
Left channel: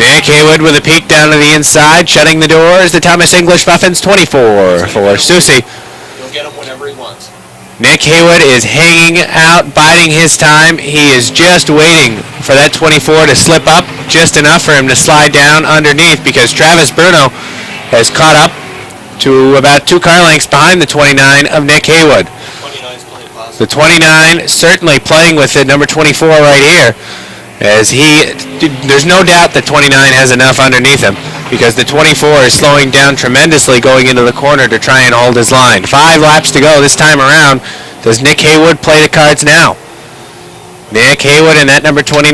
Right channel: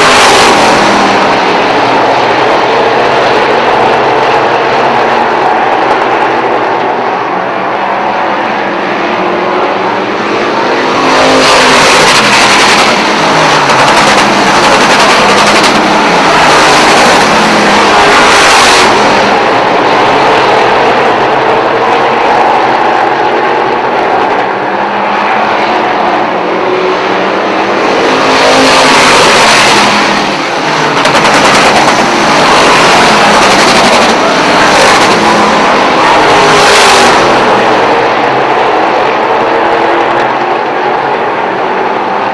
Nick Haywood with a peek down to the inside. Shutting the door is the Thomas English Muffins 24 for Susi. Nick Haywood is hanging out, biding his time. He is just waiting for that 24 to slip up just enough for him to slide down underneath, because Travis Bruno has caught up to about 2 car lengths behind the 29 of Nick Haywood. The 29 certainly playing with the number 24 right here, as there's no doubt that 29 has enough underneath him, because the 24 is slowing down tremendously going into the corner to try and hold his line. 5 laps to go this time around. Does Nick Haywood play the cards now? Nick Haywood in that number 29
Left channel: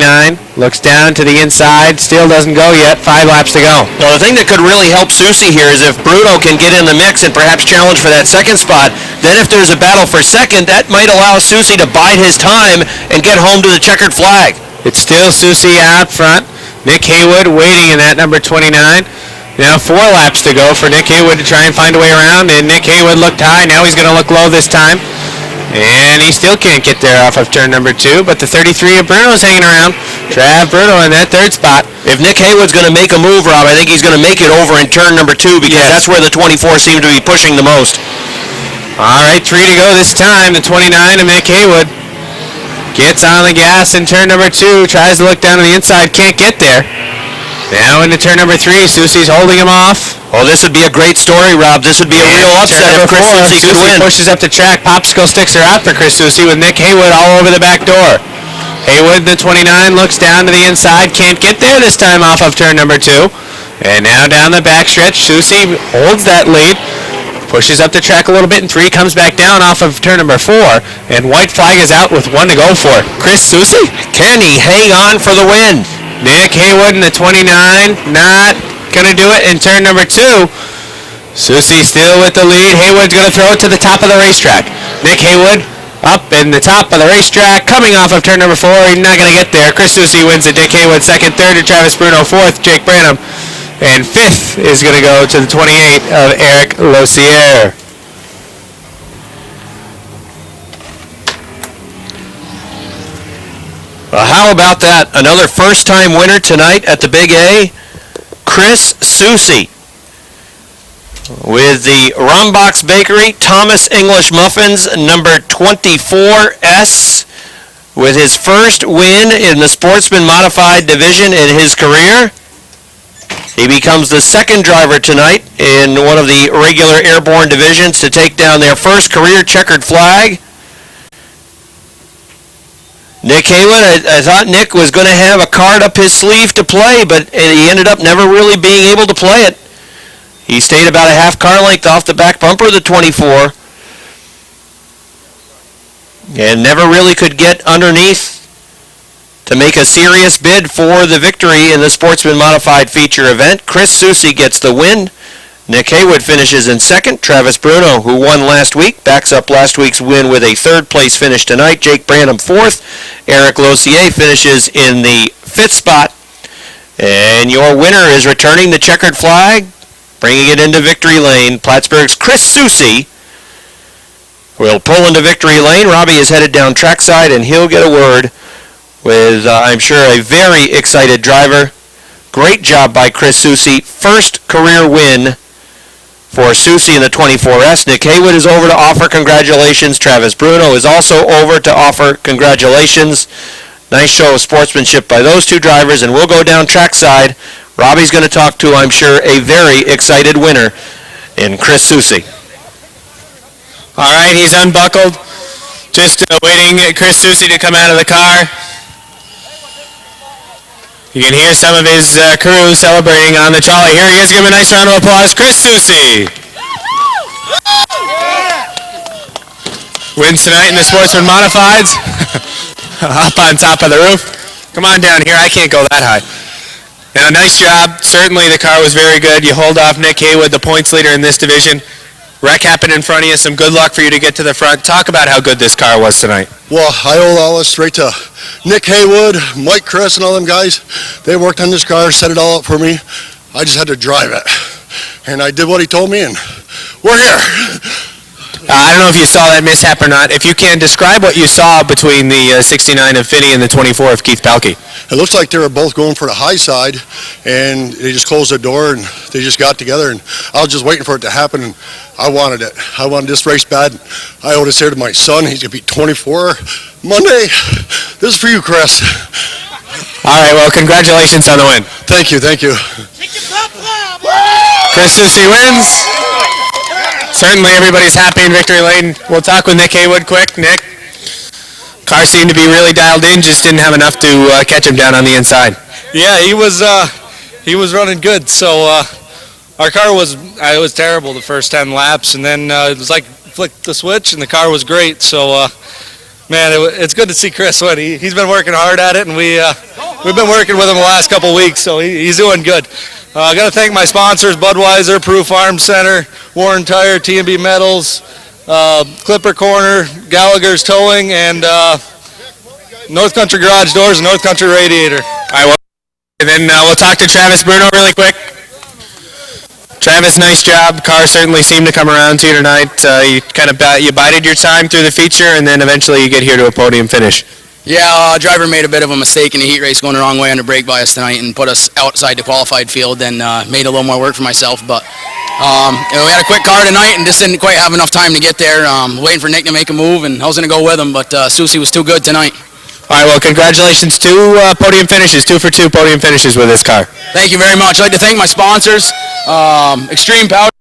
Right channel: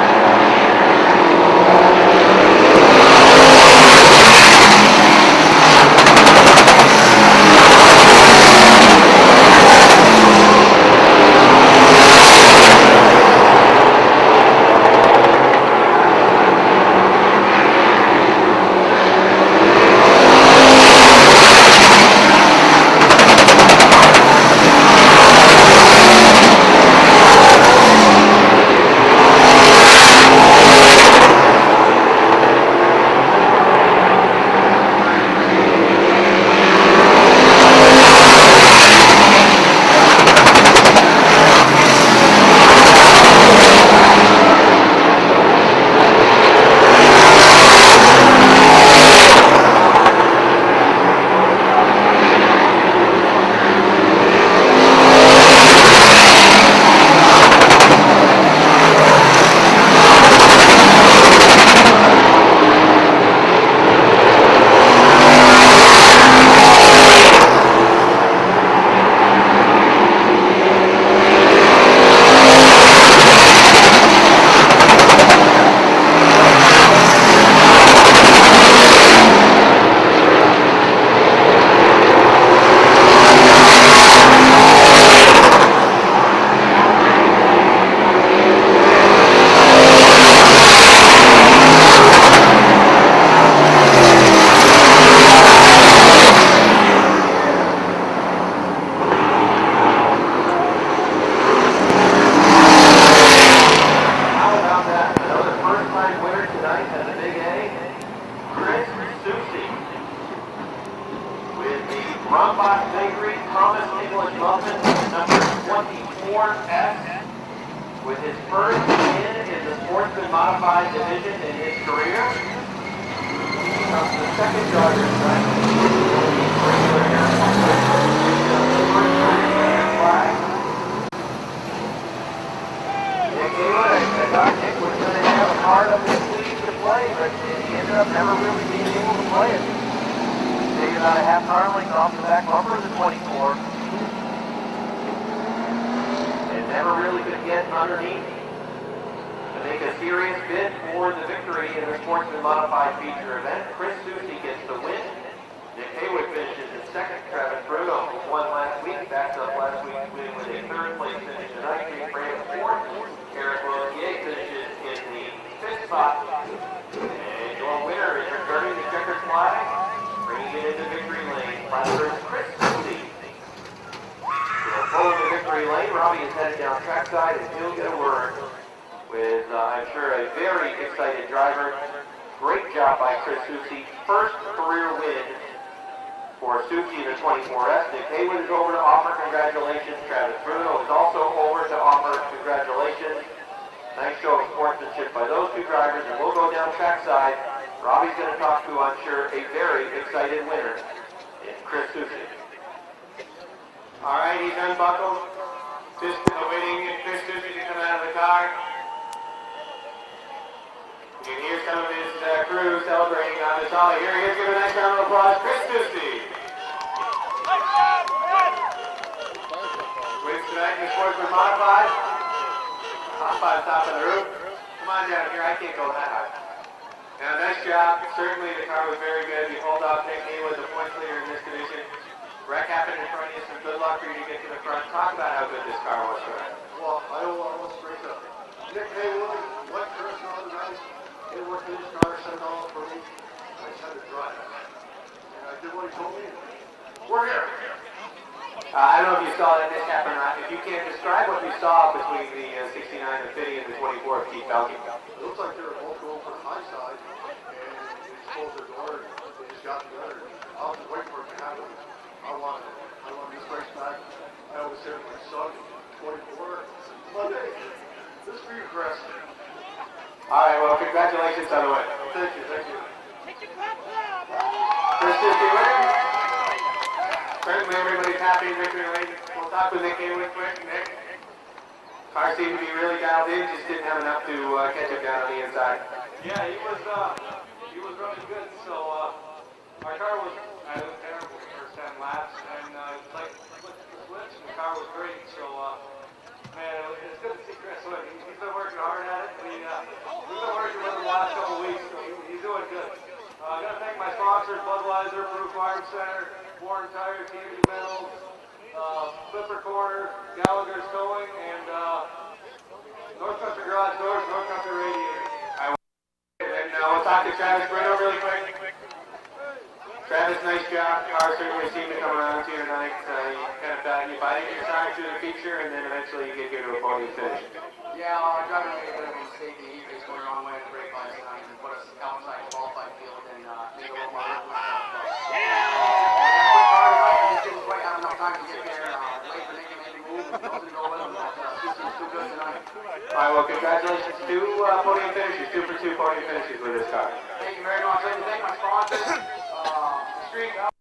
looks down to the inside, still doesn't go yet. 5 laps to go. Well, the thing that could really help Susi here is if Bruno can get in the mix and perhaps challenge for that second spot. Then if there's a battle for second, that might allow Susi to bide his time and get home to the checkered flag. It's still Susi out front. Nick Haywood waiting in that number 29. Now 4 laps to go for Nick Haywood to try and find a way around, and Nick Haywood looked high. Now he's going to look low this time. And he still can't get there off of turn number 2, but the 33 of Bruno's hanging around. Trav Bruno in that third spot. If Nick Haywood's going to make a move, Rob, I think he's going to make it over in turn number 2, because that's where the 24 seem to be pushing the most. All right, 3 to go this time. The 29 of Nick Haywood gets on the gas in turn number 2, tries to look down to the inside, can't get there. Now into turn number 3, Susi's holding him off. Well, this would be a great story, Rob. This would be a real upset if Chris Susi could win. Pushes up the track, popsicle sticks are out for Chris Susi with Nick Haywood all over the back door. Haywood, the 29, looks down to the inside, can't get there this time off of turn number 2. And now down the backstretch, Susi holds that lead. Pushes up the track a little bit, and 3 comes back down off of turn number 4. And white flag is out with 1 to go for Chris Susi. Can he hang on for the win? Nick Haywood in the 29, not going to do it in turn number 2. Susi still with the lead. Haywood's going to throw it to the top of the racetrack. Nick Haywood up in the top of the racetrack, coming off of turn number 4. He's not going to get there. Chris Susi wins it. Nick Haywood second, third to Travis Bruno, fourth Jake Branham. And 5th is going to go to the 28 of Eric Lozier. Well, how about that? Another first-time winner tonight at the Big A, Chris Susi. With the Rombox Bakery Thomas English Muffins, number 24S, with his first win in the Sportsman Modified division in his career. He becomes the second driver tonight in one of the regular airborne divisions to take down their first career checkered flag. Nick Haywood, I thought Nick was going to have a card up his sleeve to play, but he ended up never really being able to play it. He stayed about a half car length off the back bumper of the 24 and never really could get underneath to make a serious bid for the victory in the Sportsman Modified feature event. Chris Susi gets the win. Nick Haywood finishes in second. Travis Bruno, who won last week, backs up last week's win with a third place finish tonight. Jake Branham fourth. Eric Lozier finishes in the 5th spot. And your winner is returning the checkered flag, bringing it into victory lane. Plattsburgh's Chris Susi will pull into victory lane. Robbie is headed down trackside, and he'll get a word with, I'm sure, a very excited driver. Great job by Chris Susi. First career win for Susi in the 24S. Nick Haywood is over to offer congratulations. Travis Bruno is also over to offer congratulations. Nice show of sportsmanship by those two drivers, and we'll go down trackside. Robbie's going to talk to, I'm sure, a very excited winner in Chris Susi. All right, he's unbuckled. Just waiting Chris Susi to come out of the car. You can hear some of his crew celebrating on the trolley. Here he is. Give him a nice round of applause. Chris Soucy wins tonight in the Sportsman Modifieds. Up on top of the roof. Come on down here. I can't go that high. Now, nice job. Certainly the car was very good. You hold off Nick Haywood, the points leader in this division. Wreck happened in front of you. Some good luck for you to get to the front. Talk about how good this car was tonight. Well, I owe all this straight to Nick Haywood, Mike Chris, and all them guys. They worked on this car, set it all up for me. I just had to drive it. And I did what he told me, and we're here. I don't know if you saw that mishap or not. If you can, describe what you saw between the 69 of Finney and the 24 of Keith Pelkey. It looks like they were both going for the high side, and they just closed the door, and they just got together, and I was just waiting for it to happen, and I wanted it. I wanted this race bad. I owed this here to my son. He's going to be 24 Monday. This is for you, Chris. All right, well, congratulations on the win. Thank you, thank you. Chris Soucy wins. Certainly everybody's happy in Victory Lane. We'll talk with Nick Haywood quick. Nick, car seemed to be really dialed in, just didn't have enough to catch him down on the inside. Yeah, he was running good. So our car was terrible the first 10 laps, and then it was like flicked the switch, and the car was great. So man, it's good to see Chris win. He's been working hard at it, and we've been working with him the last couple weeks, so he's doing good. I got to thank my sponsors: Budweiser, Peru Farm Center, Warren Tire, T&B Metals, Clipper Corner, Gallagher's Towing, and North Country Garage Doors and North Country Radiator. All right, well, and then we'll talk to Travis Bruno really quick. Travis, nice job. Car certainly seemed to come around to you tonight. You kind of bided your time through the feature, and then eventually you get here to a podium finish. Yeah, driver made a bit of a mistake in the heat race going the wrong way under brake bias tonight and put us outside the qualified field and made a little more work for myself. But we had a quick car tonight and just didn't quite have enough time to get there. Waiting for Nick to make a move, and I was going to go with him, but Soucy was too good tonight. All right, well, congratulations. 2 podium finishes, 2 for 2 podium finishes with this car. Thank you very much. I'd like to thank my sponsors, Extreme Power.